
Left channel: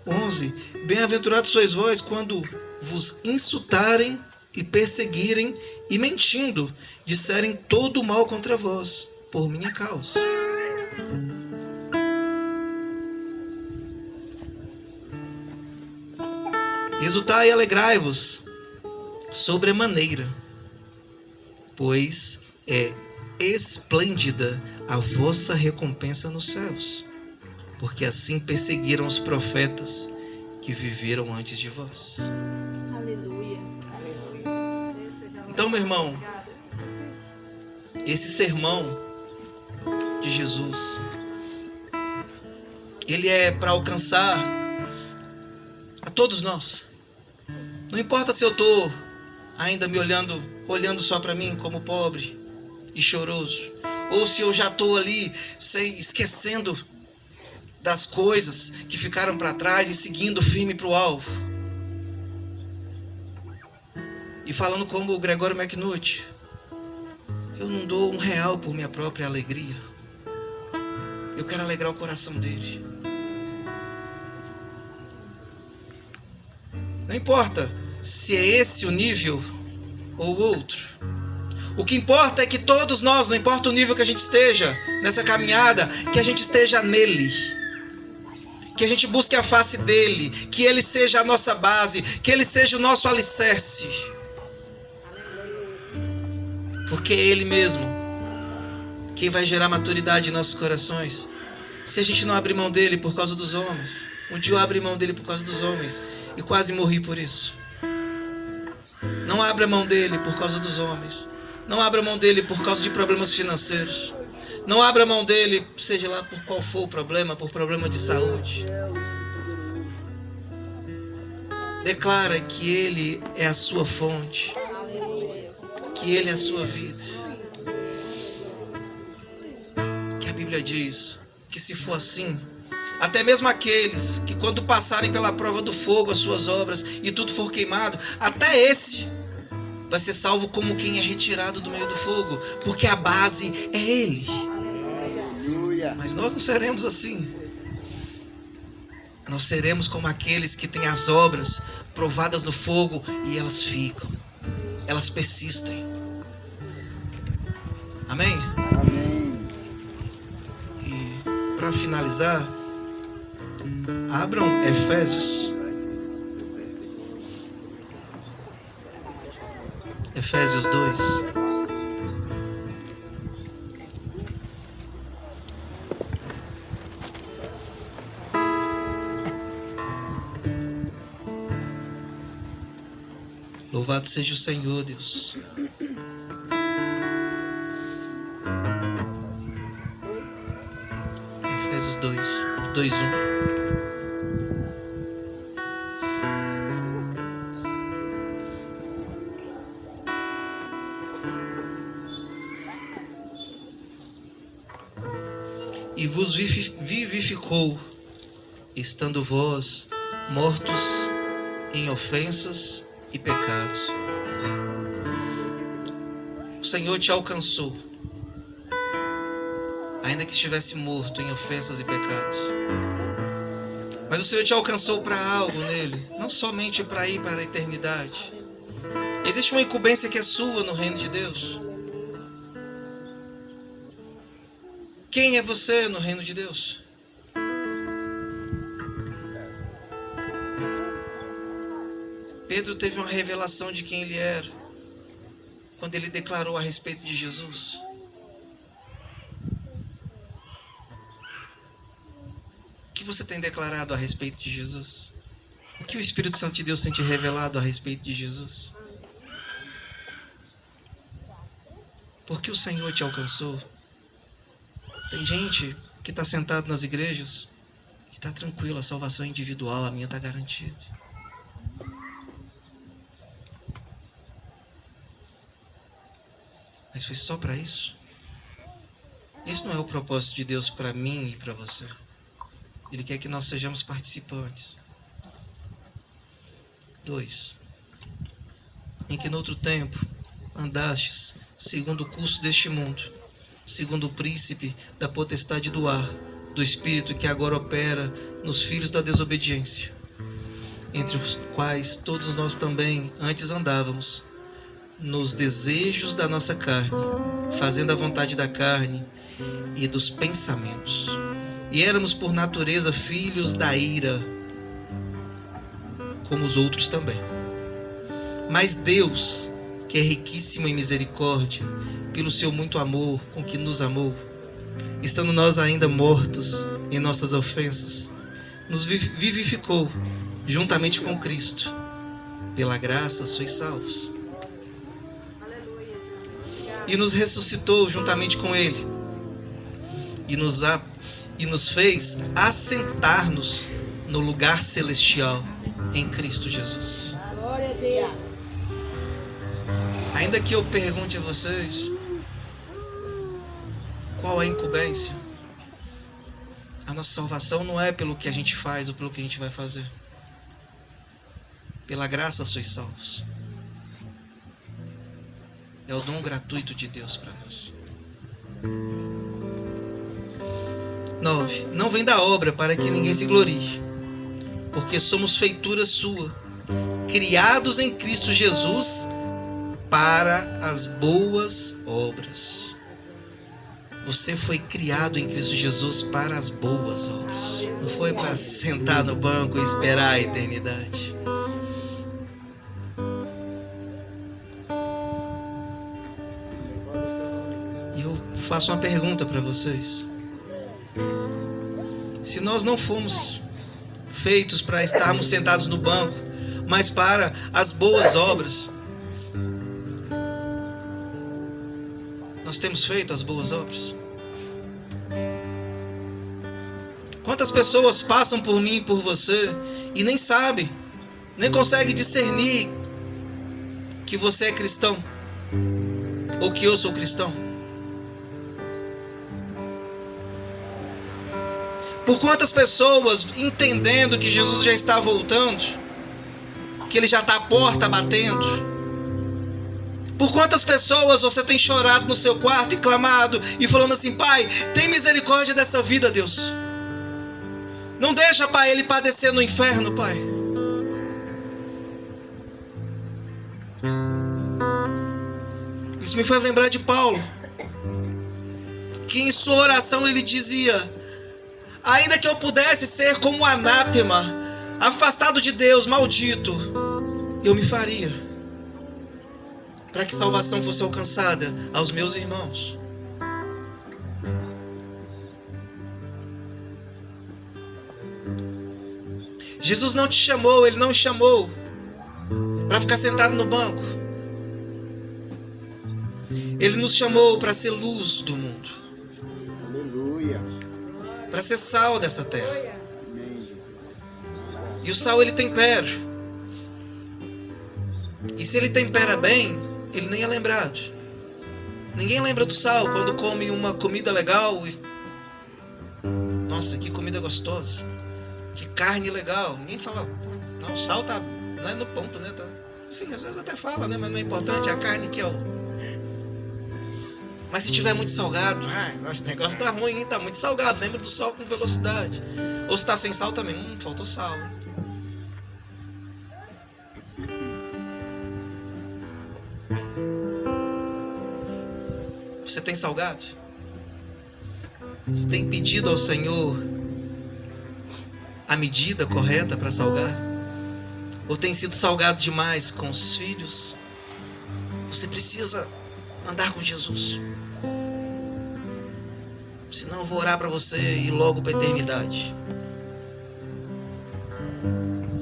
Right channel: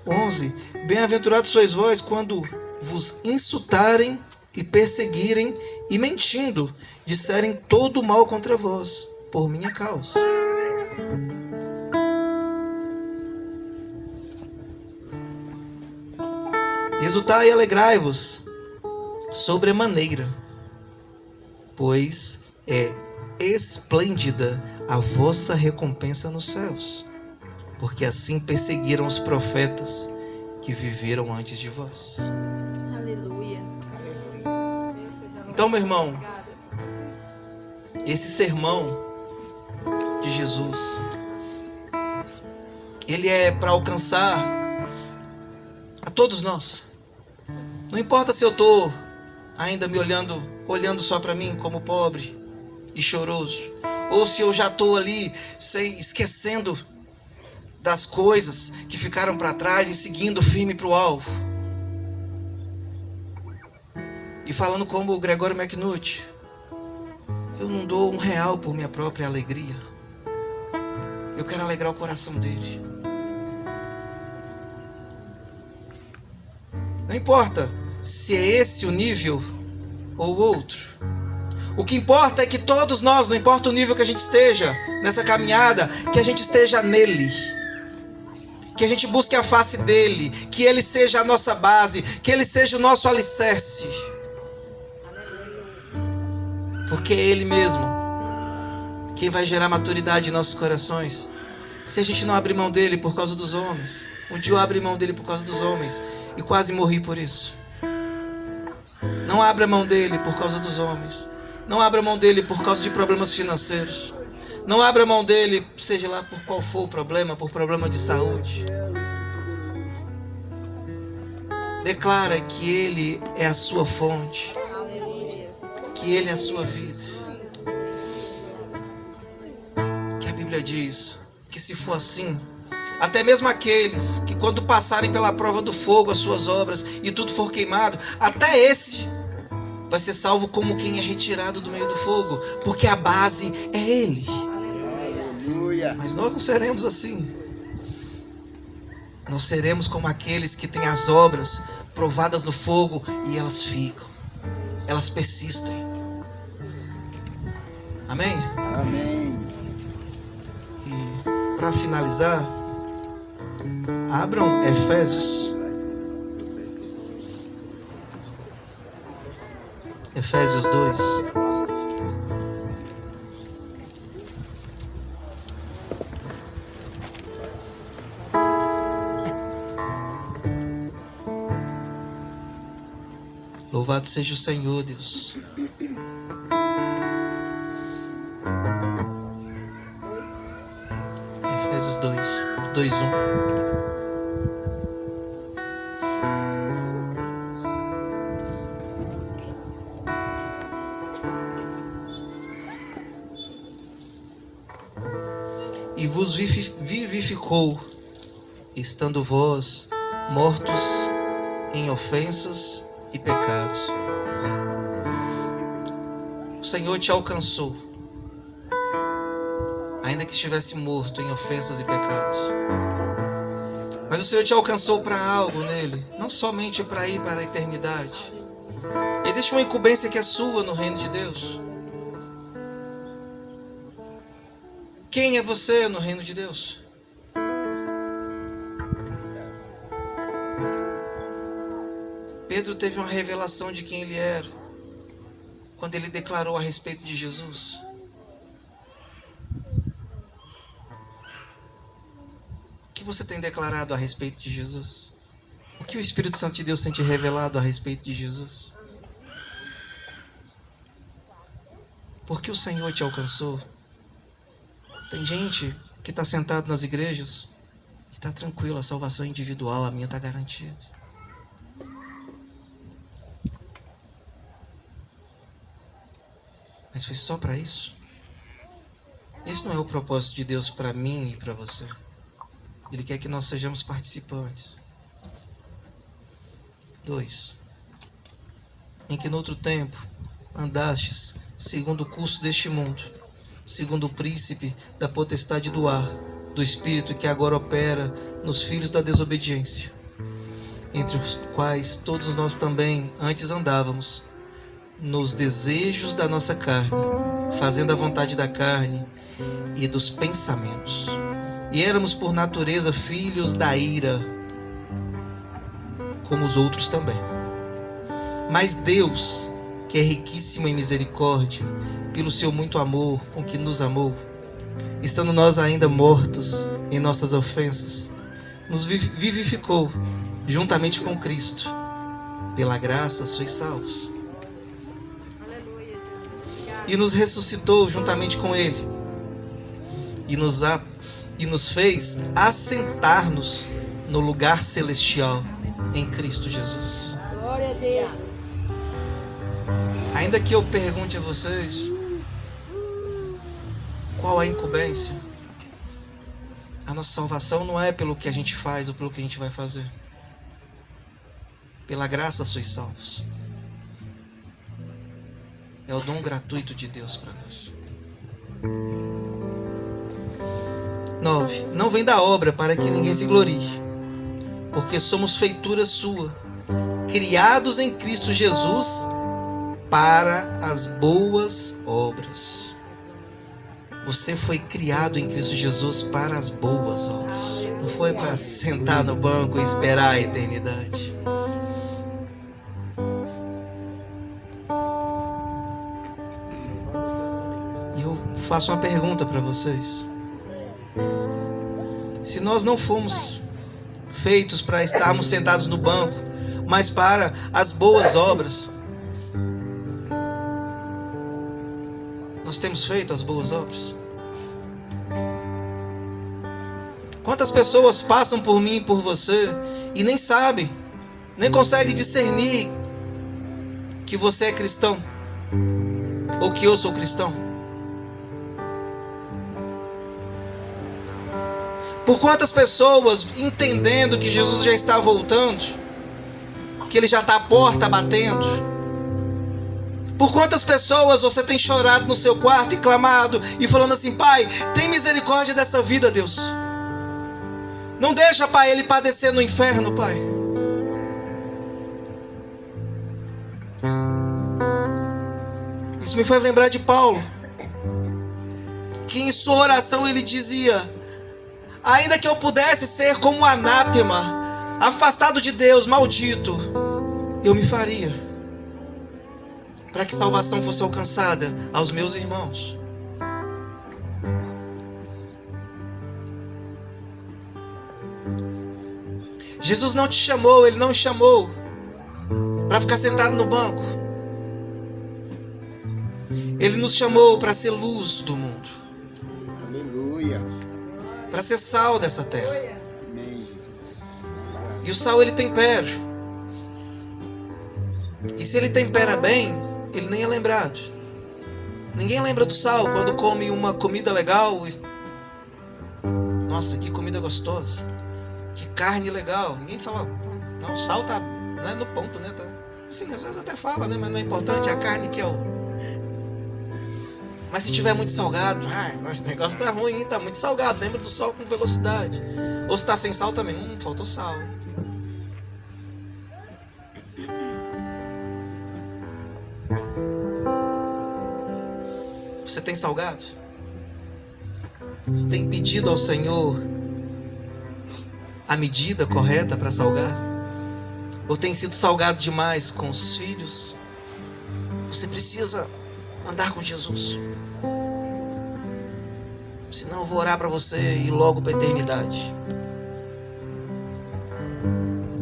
11. Bem-aventurados sois vós quando vos insultarem e perseguirem e mentindo disserem todo o mal contra vós, por minha causa. Exultai e alegrai-vos sobremaneira, pois é esplêndida a vossa recompensa nos céus, porque assim perseguiram os profetas que viveram antes de vós. Aleluia. Então, meu irmão, esse sermão de Jesus, ele é para alcançar a todos nós. Não importa se eu estou ainda me olhando só para mim como pobre e choroso, ou se eu já estou ali esquecendo das coisas que ficaram para trás e seguindo firme para o alvo. E falando como o Gregório McNulty, eu não dou R$1 por minha própria alegria. Eu quero alegrar o coração dele. Não importa se é esse o nível ou outro. O que importa é que todos nós, não importa o nível que a gente esteja nessa caminhada, que a gente esteja nele. Que a gente busque a face dele, que ele seja a nossa base, que ele seja o nosso alicerce. Porque é ele mesmo quem vai gerar maturidade em nossos corações. Se a gente não abrir mão dele por causa dos homens. Um dia eu abri mão dele por causa dos homens e quase morri por isso. Não abra mão dele por causa dos homens. Não abra mão dele por causa de problemas financeiros. Não abra mão dele, seja lá por qual for o problema, por problema de saúde. Declara que ele é a sua fonte, que ele é a sua vida. Que a Bíblia diz que se for assim, até mesmo aqueles que quando passarem pela prova do fogo as suas obras e tudo for queimado, até esse vai ser salvo como quem é retirado do meio do fogo, porque a base é ele. Mas nós não seremos assim. Nós seremos como aqueles que têm as obras provadas no fogo e elas ficam, elas persistem. Amém? Amém. E para finalizar, abram Efésios. Efésios 2. Louvado seja o Senhor, Deus. Efésios 2:1. E vos vivificou, estando vós mortos em ofensas e pecados. O Senhor te alcançou, ainda que estivesse morto em ofensas e pecados. Mas o Senhor te alcançou para algo nele, não somente para ir para a eternidade. Existe uma incumbência que é sua no reino de Deus. Quem é você no reino de Deus? Pedro teve uma revelação de quem ele era quando ele declarou a respeito de Jesus. O que você tem declarado a respeito de Jesus? O que o Espírito Santo de Deus tem te revelado a respeito de Jesus? Porque o Senhor te alcançou. Tem gente que está sentado nas igrejas e está tranquilo, a salvação é individual, a minha está garantida. Mas foi só para isso? Esse não é o propósito de Deus para mim e para você. Ele quer que nós sejamos participantes. 2. Em que no outro tempo andastes segundo o curso deste mundo, segundo o príncipe da potestade do ar, do espírito que agora opera nos filhos da desobediência, entre os quais todos nós também antes andávamos, nos desejos da nossa carne, fazendo a vontade da carne e dos pensamentos. E éramos por natureza filhos da ira, como os outros também. Mas Deus, que é riquíssimo em misericórdia, pelo seu muito amor com que nos amou, estando nós ainda mortos em nossas ofensas, nos vivificou juntamente com Cristo. Pela graça sois salvos. e nos ressuscitou juntamente com Ele e nos fez assentar-nos no lugar celestial em Cristo Jesus. Glória a Deus. Ainda que eu pergunte a vocês qual é a incumbência, a nossa salvação não é pelo que a gente faz ou pelo que a gente vai fazer. Pela graça sois salvos. É o dom gratuito de Deus para nós. 9. Não vem da obra para que ninguém se glorie, porque somos feitura sua, criados em Cristo Jesus para as boas obras. Você foi criado em Cristo Jesus para as boas obras. Não foi para sentar no banco e esperar a eternidade. E eu faço uma pergunta para vocês. Se nós não fomos feitos para estarmos sentados no banco, mas para as boas obras, nós temos feito as boas obras? Quantas pessoas passam por mim e por você e nem sabem, nem conseguem discernir que você é cristão ou que eu sou cristão? Por quantas pessoas, entendendo que Jesus já está voltando, que Ele já está à porta batendo, por quantas pessoas você tem chorado no seu quarto e clamado e falando assim: Pai, tem misericórdia dessa vida, Deus. Não deixa, Pai, ele padecer no inferno, Pai. Isso me faz lembrar de Paulo, que em sua oração ele dizia: ainda que eu pudesse ser como anátema, afastado de Deus, maldito, eu me faria, para que salvação fosse alcançada aos meus irmãos. Jesus não te chamou, Ele não te chamou para ficar sentado no banco. Ele nos chamou para ser luz do mundo. Aleluia. Para ser sal dessa terra. Amém. E o sal ele tempera. E se ele tempera bem, ele nem é lembrado. Ninguém lembra do sal quando come uma comida legal e... Nossa, que comida gostosa. Que carne legal. Ninguém fala, não, o sal tá, não é no ponto, né? Tá, sim, às vezes até fala, né? Mas não é importante, é a carne que é o... Mas se tiver muito salgado, esse negócio tá ruim, hein? Tá muito salgado. Lembra do sal com velocidade. Ou se tá sem sal também, faltou sal. Você tem salgado? Você tem pedido ao Senhor a medida correta para salgar? Ou tem sido salgado demais com os filhos? Você precisa andar com Jesus. Senão eu vou orar para você ir logo para a eternidade.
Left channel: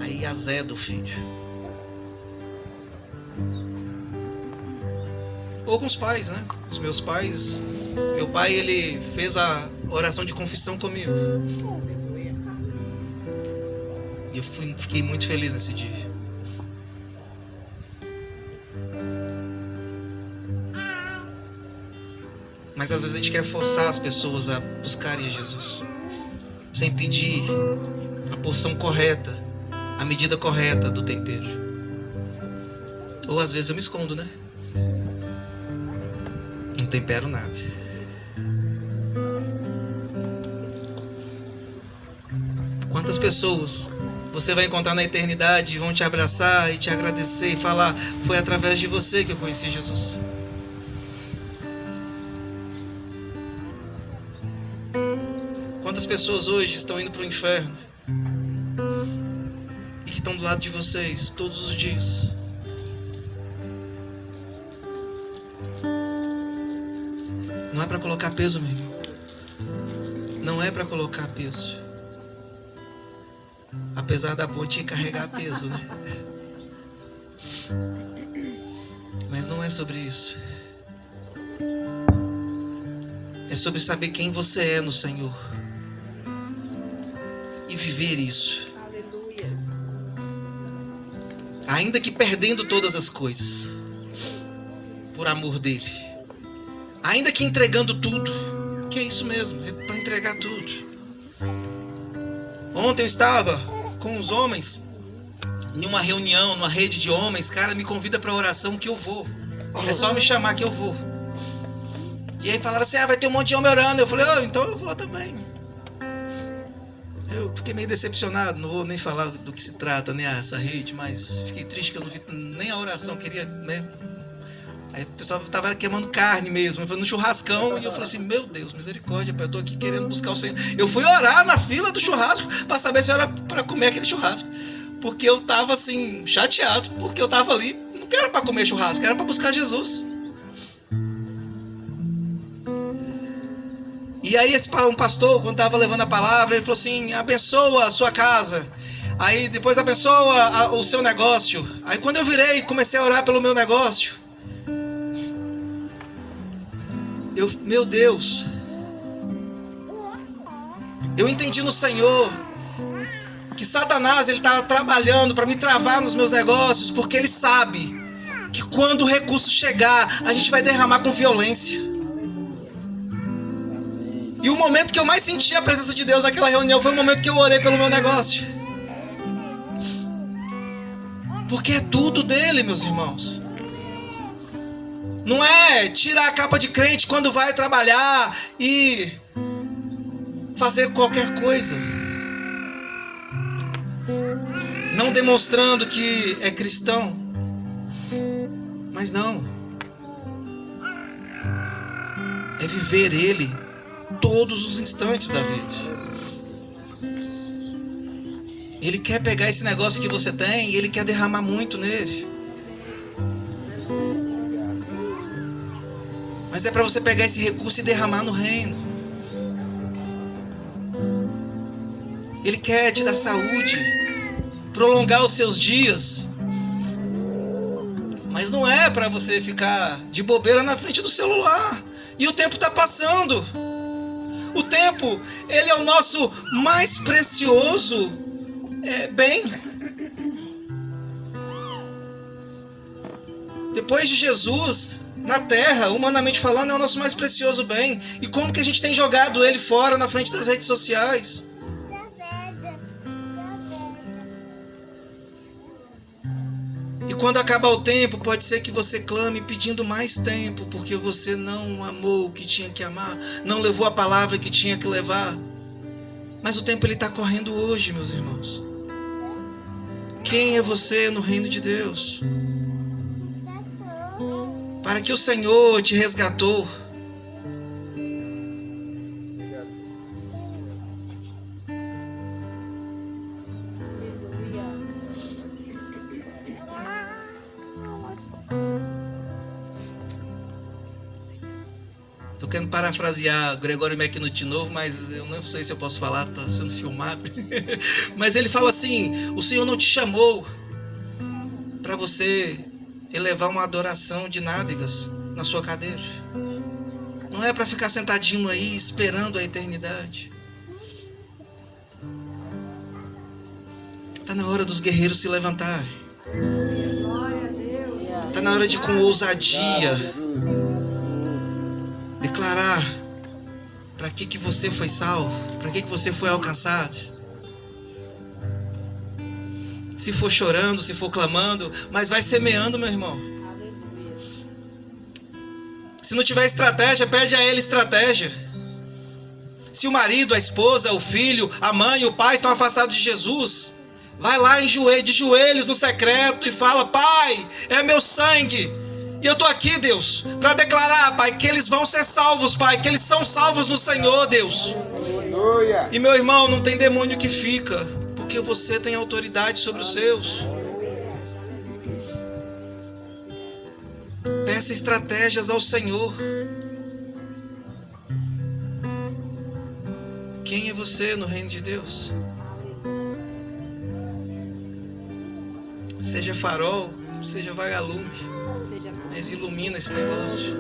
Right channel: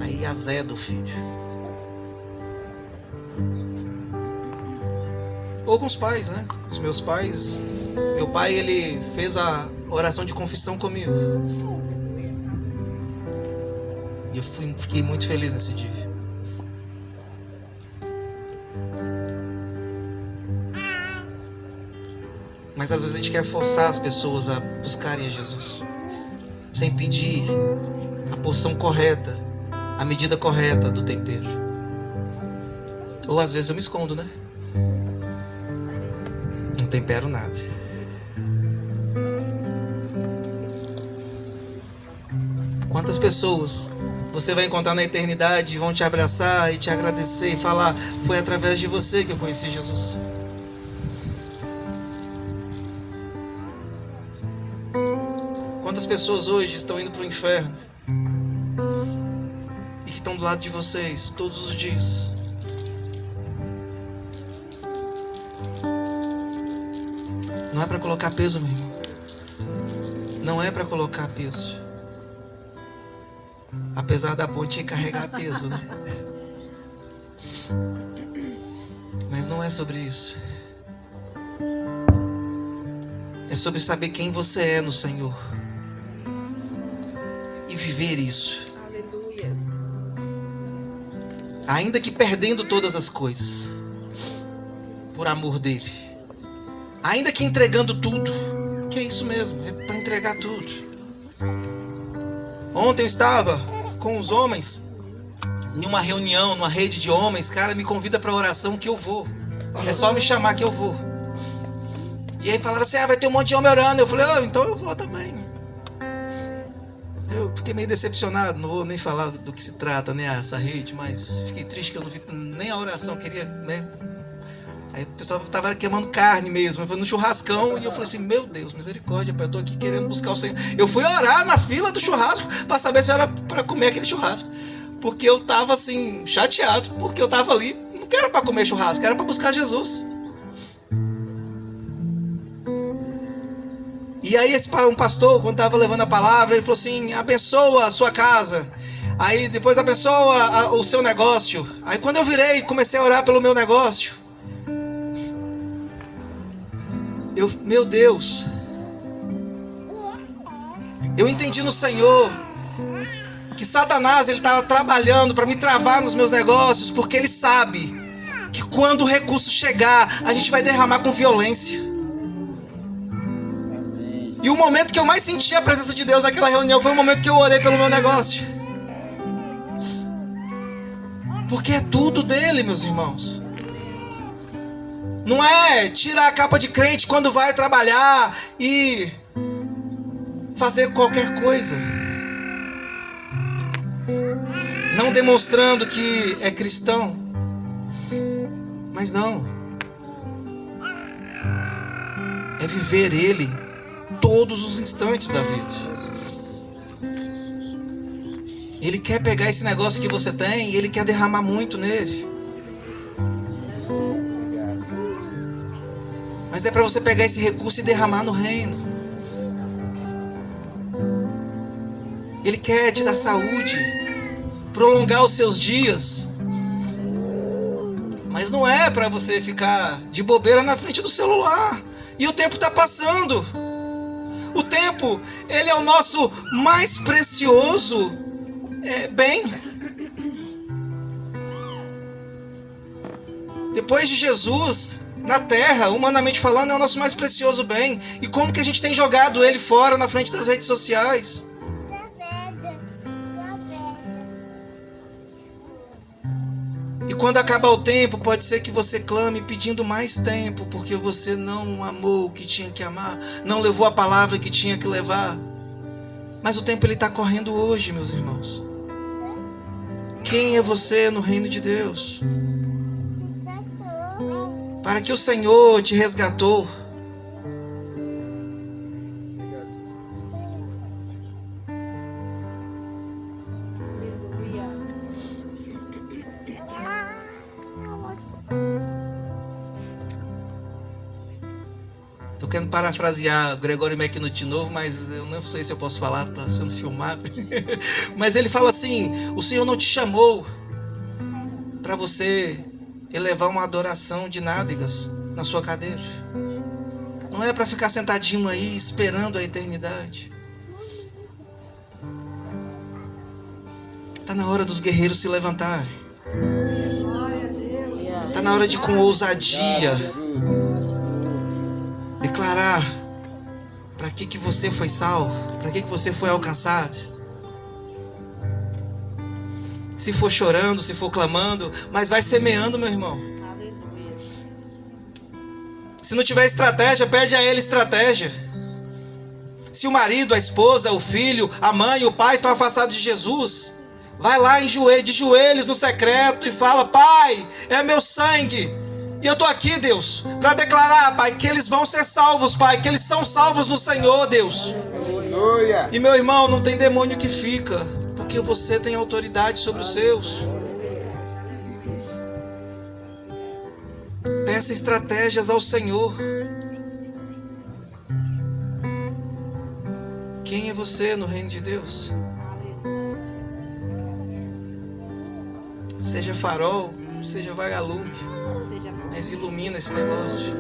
Aí azeda o filho. Ou com os pais, né? Os meus pais. Meu pai, ele fez a oração de confissão comigo. E eu fiquei muito feliz nesse dia. Mas às vezes a gente quer forçar as pessoas a buscarem a Jesus, sem pedir a porção correta, a medida correta do tempero. Ou às vezes eu me escondo, né? Não tempero nada. Quantas pessoas você vai encontrar na eternidade e vão te abraçar e te agradecer e falar: foi através de você que eu conheci Jesus. Quantas pessoas hoje estão indo para o inferno e que estão do lado de vocês todos os dias? Não é para colocar peso, meu irmão. Não é para colocar peso. Apesar da ponte carregar peso, né? Mas não é sobre isso. É sobre saber quem você é no Senhor e viver isso. Aleluia. Ainda que perdendo todas as coisas, por amor dele. Ainda que entregando tudo, que é isso mesmo, é para entregar tudo. Ontem eu estava com os homens em uma reunião, numa rede de homens. Cara, me convida para oração que eu vou. É só me chamar que eu vou. E aí falaram assim, vai ter um monte de homem orando. Eu falei, então eu vou também. Eu fiquei meio decepcionado, não vou nem falar do que se trata, né, essa rede, mas fiquei triste que eu não vi nem a oração, queria, né? Aí o pessoal estava queimando carne mesmo, eu fui no churrascão e eu falei assim, meu Deus, misericórdia, eu estou aqui querendo buscar o Senhor. Eu fui orar na fila do churrasco para saber se era para comer aquele churrasco, porque eu estava assim, chateado, porque eu estava ali, não era para comer churrasco, era para buscar Jesus. E aí um pastor, quando estava levando a palavra, ele falou assim, abençoa a sua casa, aí depois abençoa o seu negócio. Aí quando eu virei e comecei a orar pelo meu negócio, meu Deus, eu entendi no Senhor que Satanás ele está trabalhando para me travar nos meus negócios, porque ele sabe que quando o recurso chegar, a gente vai derramar com violência. E o momento que eu mais senti a presença de Deus naquela reunião foi o momento que eu orei pelo meu negócio, porque é tudo dele, meus irmãos. Não é tirar a capa de crente quando vai trabalhar e fazer qualquer coisa, não demonstrando que é cristão. Mas não, é viver ele todos os instantes da vida. Ele quer pegar esse negócio que você tem e ele quer derramar muito nele. Mas é para você pegar esse recurso e derramar no reino. Ele quer te dar saúde, prolongar os seus dias. Mas não é para você ficar de bobeira na frente do celular. E o tempo está passando. O tempo, ele é o nosso mais precioso bem. Depois de Jesus, na terra, humanamente falando, é o nosso mais precioso bem. E como que a gente tem jogado ele fora na frente das redes sociais? E quando acabar o tempo, pode ser que você clame pedindo mais tempo, porque você não amou o que tinha que amar, não levou a palavra que tinha que levar. Mas o tempo ele está correndo hoje, meus irmãos. Quem é você no reino de Deus? Para que o Senhor te resgatou. Estou querendo parafrasear Gregório Macknut de novo, mas eu não sei se eu posso falar, está sendo filmado. Mas ele fala assim: o Senhor não te chamou para você elevar uma adoração de nádegas na sua cadeira. Não é para ficar sentadinho aí esperando a eternidade. Está na hora dos guerreiros se levantarem. Glória a Deus. Está na hora de, com ousadia, declarar para que você foi salvo, para que você foi alcançado. Se for chorando, se for clamando, mas vai semeando, meu irmão. Aleluia. Se não tiver estratégia, pede a ele estratégia. Se o marido, a esposa, o filho, a mãe, o pai estão afastados de Jesus, vai lá de joelhos no secreto e fala: Pai, é meu sangue. E eu estou aqui, Deus, para declarar, Pai, que eles vão ser salvos, Pai, que eles são salvos no Senhor, Deus. Aleluia. E meu irmão, não tem demônio que fica, porque você tem autoridade sobre os seus. Peça estratégias ao Senhor. Quem é você no reino de Deus? Seja farol, seja vagalume, mas ilumina esse negócio.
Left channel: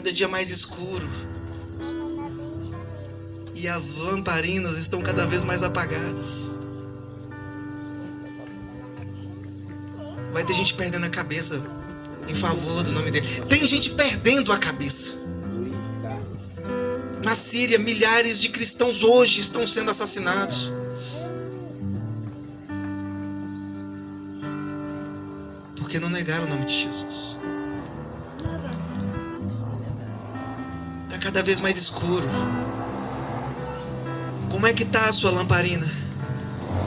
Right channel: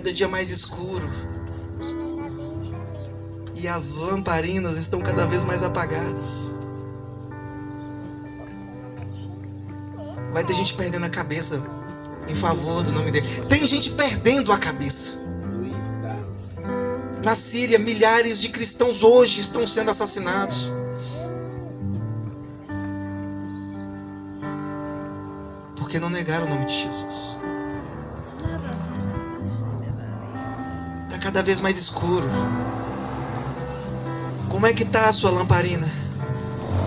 cada dia mais escuro. E as lamparinas estão cada vez mais apagadas. Vai ter gente perdendo a cabeça em favor do nome dele. Tem gente perdendo a cabeça. Na Síria, milhares de cristãos hoje estão sendo assassinados. Porque não negaram o nome de Jesus. Está cada vez mais escuro. Como é que está a sua lamparina?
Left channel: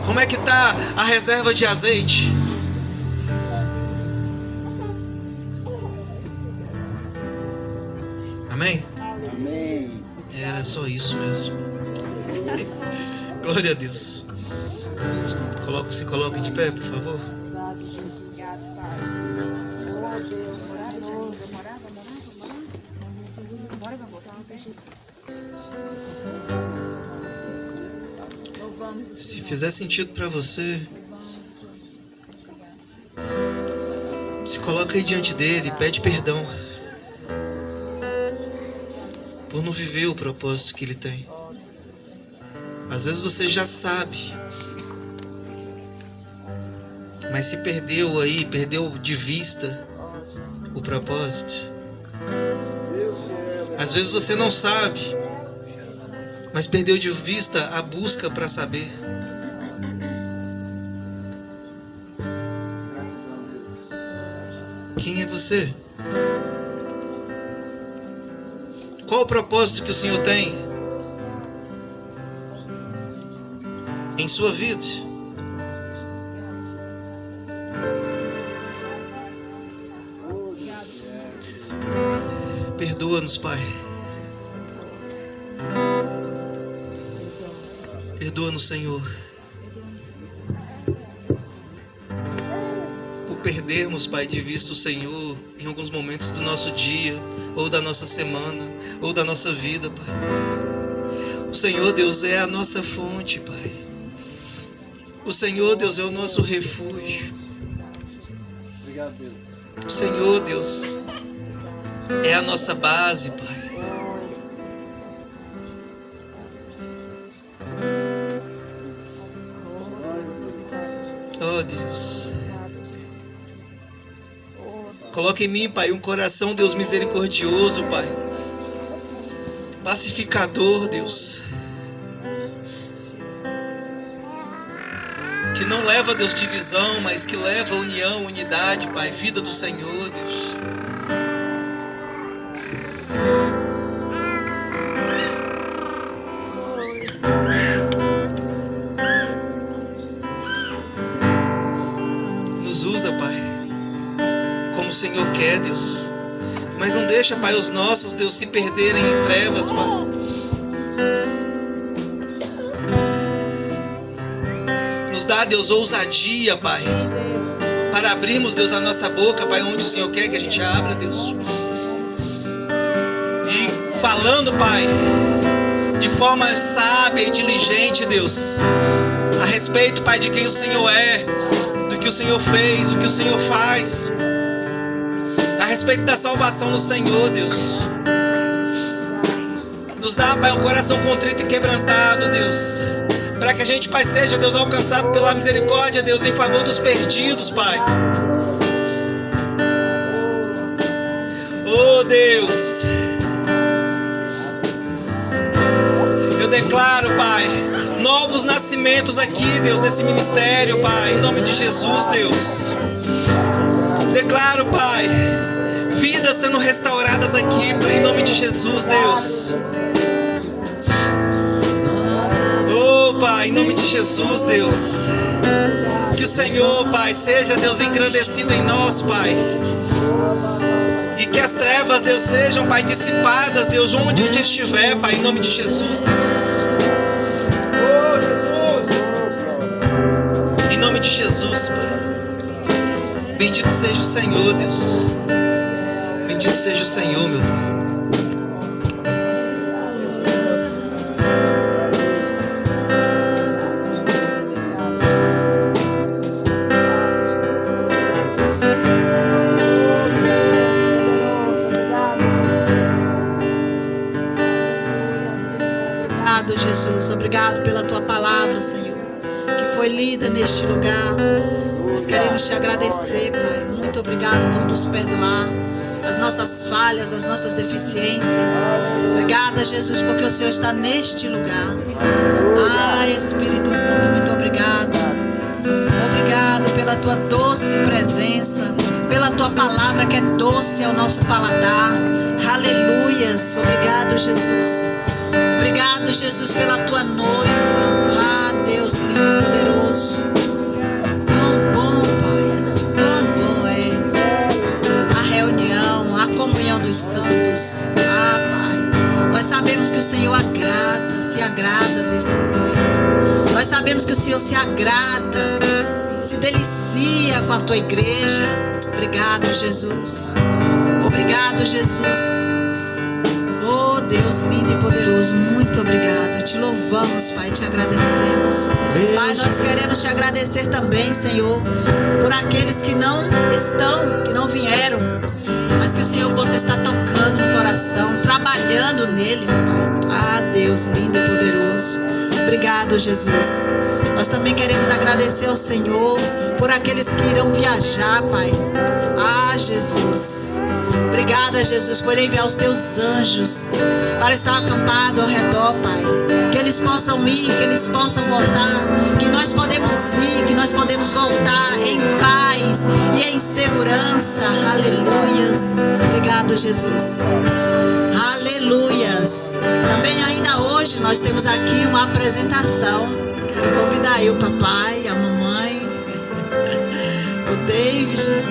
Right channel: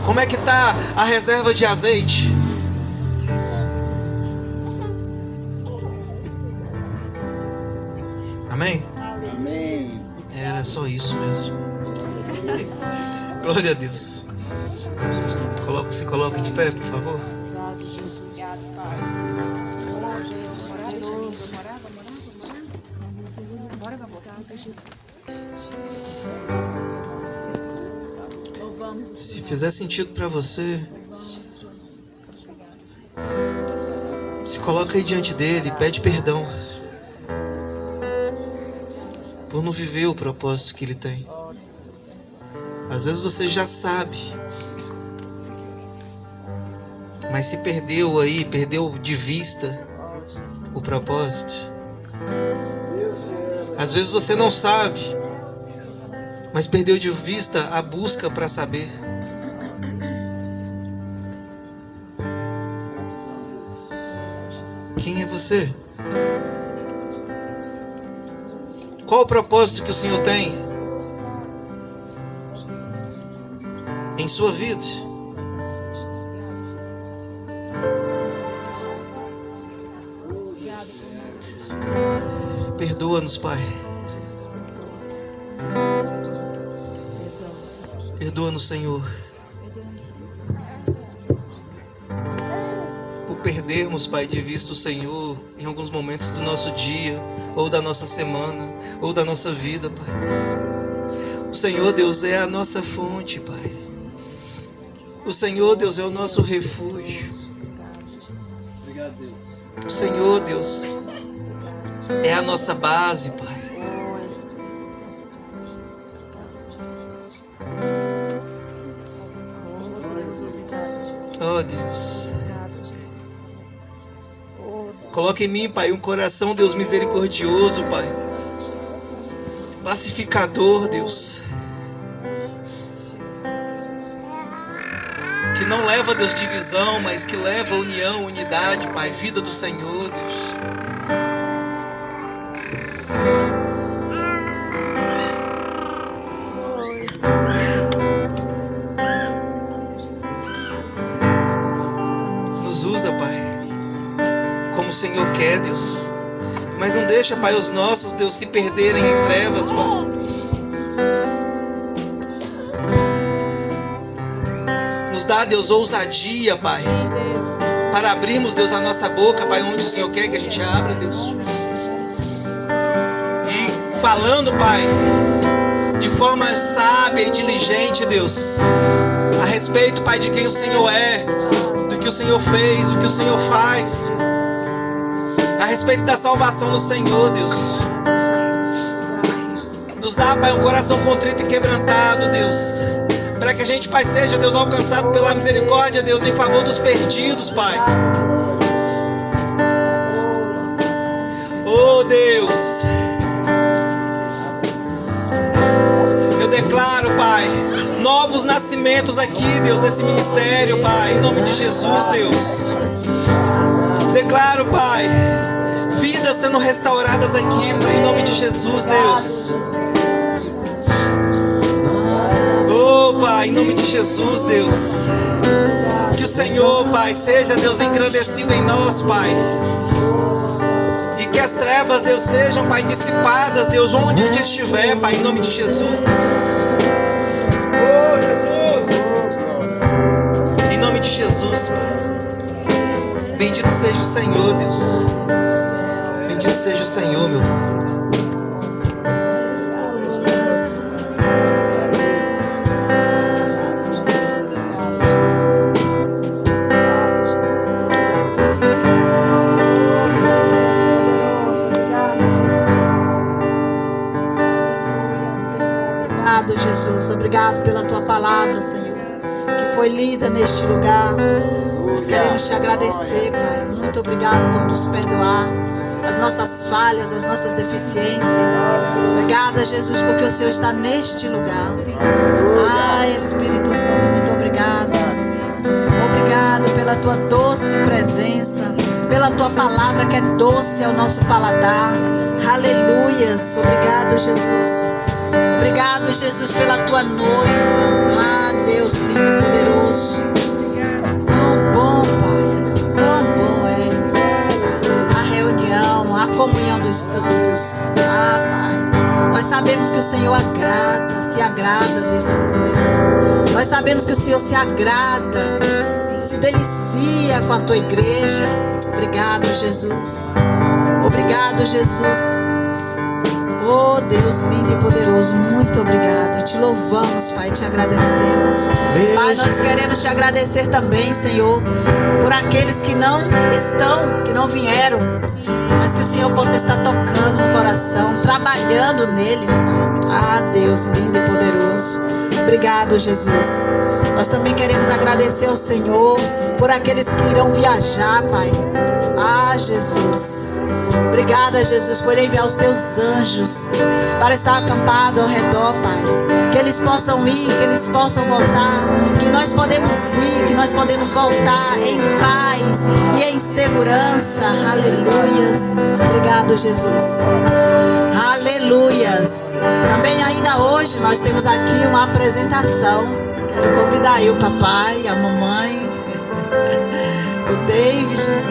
Como é que está a reserva de azeite? Amém? Amém. Era só isso mesmo. Glória a Deus. Se coloque de pé, por favor. Se fizer sentido para você, se coloca aí diante dele, pede perdão por não viver o propósito que ele tem. Às vezes você já sabe, mas se perdeu aí, perdeu de vista o propósito. Às vezes você não sabe, mas perdeu de vista a busca para saber. Quem é você? Qual o propósito que o Senhor tem em sua vida? Perdoa-nos, Pai. Perdoa-nos, Senhor, por perdermos, Pai, de vista o Senhor em alguns momentos do nosso dia, ou da nossa semana, ou da nossa vida, Pai. O Senhor, Deus, é a nossa fonte, Pai. O Senhor, Deus, é o nosso refúgio. Obrigado, Deus. O Senhor, Deus, é a nossa base, Pai. Oh, Deus. Coloca em mim, Pai, um coração, Deus, misericordioso, Pai. Pacificador, Deus. Que não leva, Deus, divisão, mas que leva união, unidade, Pai. Vida do Senhor, Deus. Nos usa, Pai, como o Senhor quer, Deus. Mas não deixa, Pai, os nossos, Deus, se perderem em trevas, Pai. Nos dá, Deus, ousadia, Pai, para abrirmos, Deus, a nossa boca, Pai, onde o Senhor quer que a gente abra, Deus. E falando, Pai, de forma sábia e diligente, Deus, a respeito, Pai, de quem o Senhor é, do que o Senhor fez, do que o Senhor faz, a respeito da salvação do Senhor, Deus. Nos dá, Pai, um coração contrito e quebrantado, Deus, para que a gente, Pai, seja, Deus, alcançado pela misericórdia, Deus, em favor dos perdidos, Pai. Oh, Deus, eu declaro, Pai, novos nascimentos aqui, Deus, nesse ministério, Pai, em nome de Jesus, Deus. Declaro, Pai, vidas sendo restauradas aqui, Pai, em nome de Jesus, Deus. Oh, Pai, em nome de Jesus, Deus. Que o Senhor, Pai, seja, Deus, engrandecido em nós, Pai. E que as trevas, Deus, sejam, Pai, dissipadas, Deus, onde a gente estiver, Pai, em nome de Jesus, Deus. Oh, Jesus. Em nome de Jesus, Pai. Bendito seja o Senhor, Deus. Bendito seja o Senhor, meu Pai. Jesus. Obrigado pela tua palavra, Senhor, que foi lida neste lugar. Nós queremos te agradecer, Pai. Muito obrigado por nos perdoar as nossas falhas, as nossas deficiências. Obrigada, Jesus, porque o Senhor está neste lugar. Ah, Espírito Santo, muito obrigado. Obrigado pela tua doce presença, pela tua palavra que é doce ao nosso paladar. Aleluias. Obrigado, Jesus. Obrigado, Jesus, pela tua noiva. Ah, Deus lindo e poderoso. Quão bom, Pai. Quão bom é a reunião, a comunhão dos santos. Ah, Pai. Nós sabemos que o Senhor se agrada desse momento. Nós sabemos que o Senhor se agrada, se delicia com a tua igreja. Obrigado, Jesus. Obrigado, Jesus. Oh, Deus lindo e poderoso, muito obrigado. Te louvamos, Pai, te agradecemos. Pai, nós queremos te agradecer também, Senhor, por aqueles que não estão, que não vieram, mas que o Senhor possa estar tocando no coração, trabalhando neles, Pai. Ah, Deus lindo e poderoso. Obrigado, Jesus. Nós também queremos agradecer ao Senhor por aqueles que irão viajar, Pai. Ah, Jesus. Obrigada, Jesus, por enviar os teus anjos para estar acampado ao redor, Pai. Que eles possam ir, que eles possam voltar, que nós podemos ir, que nós podemos voltar em paz e em segurança. Aleluias. Obrigado, Jesus. Aleluias. Também ainda hoje nós temos aqui uma apresentação. Quero convidar aí o papai, a mamãe, o David,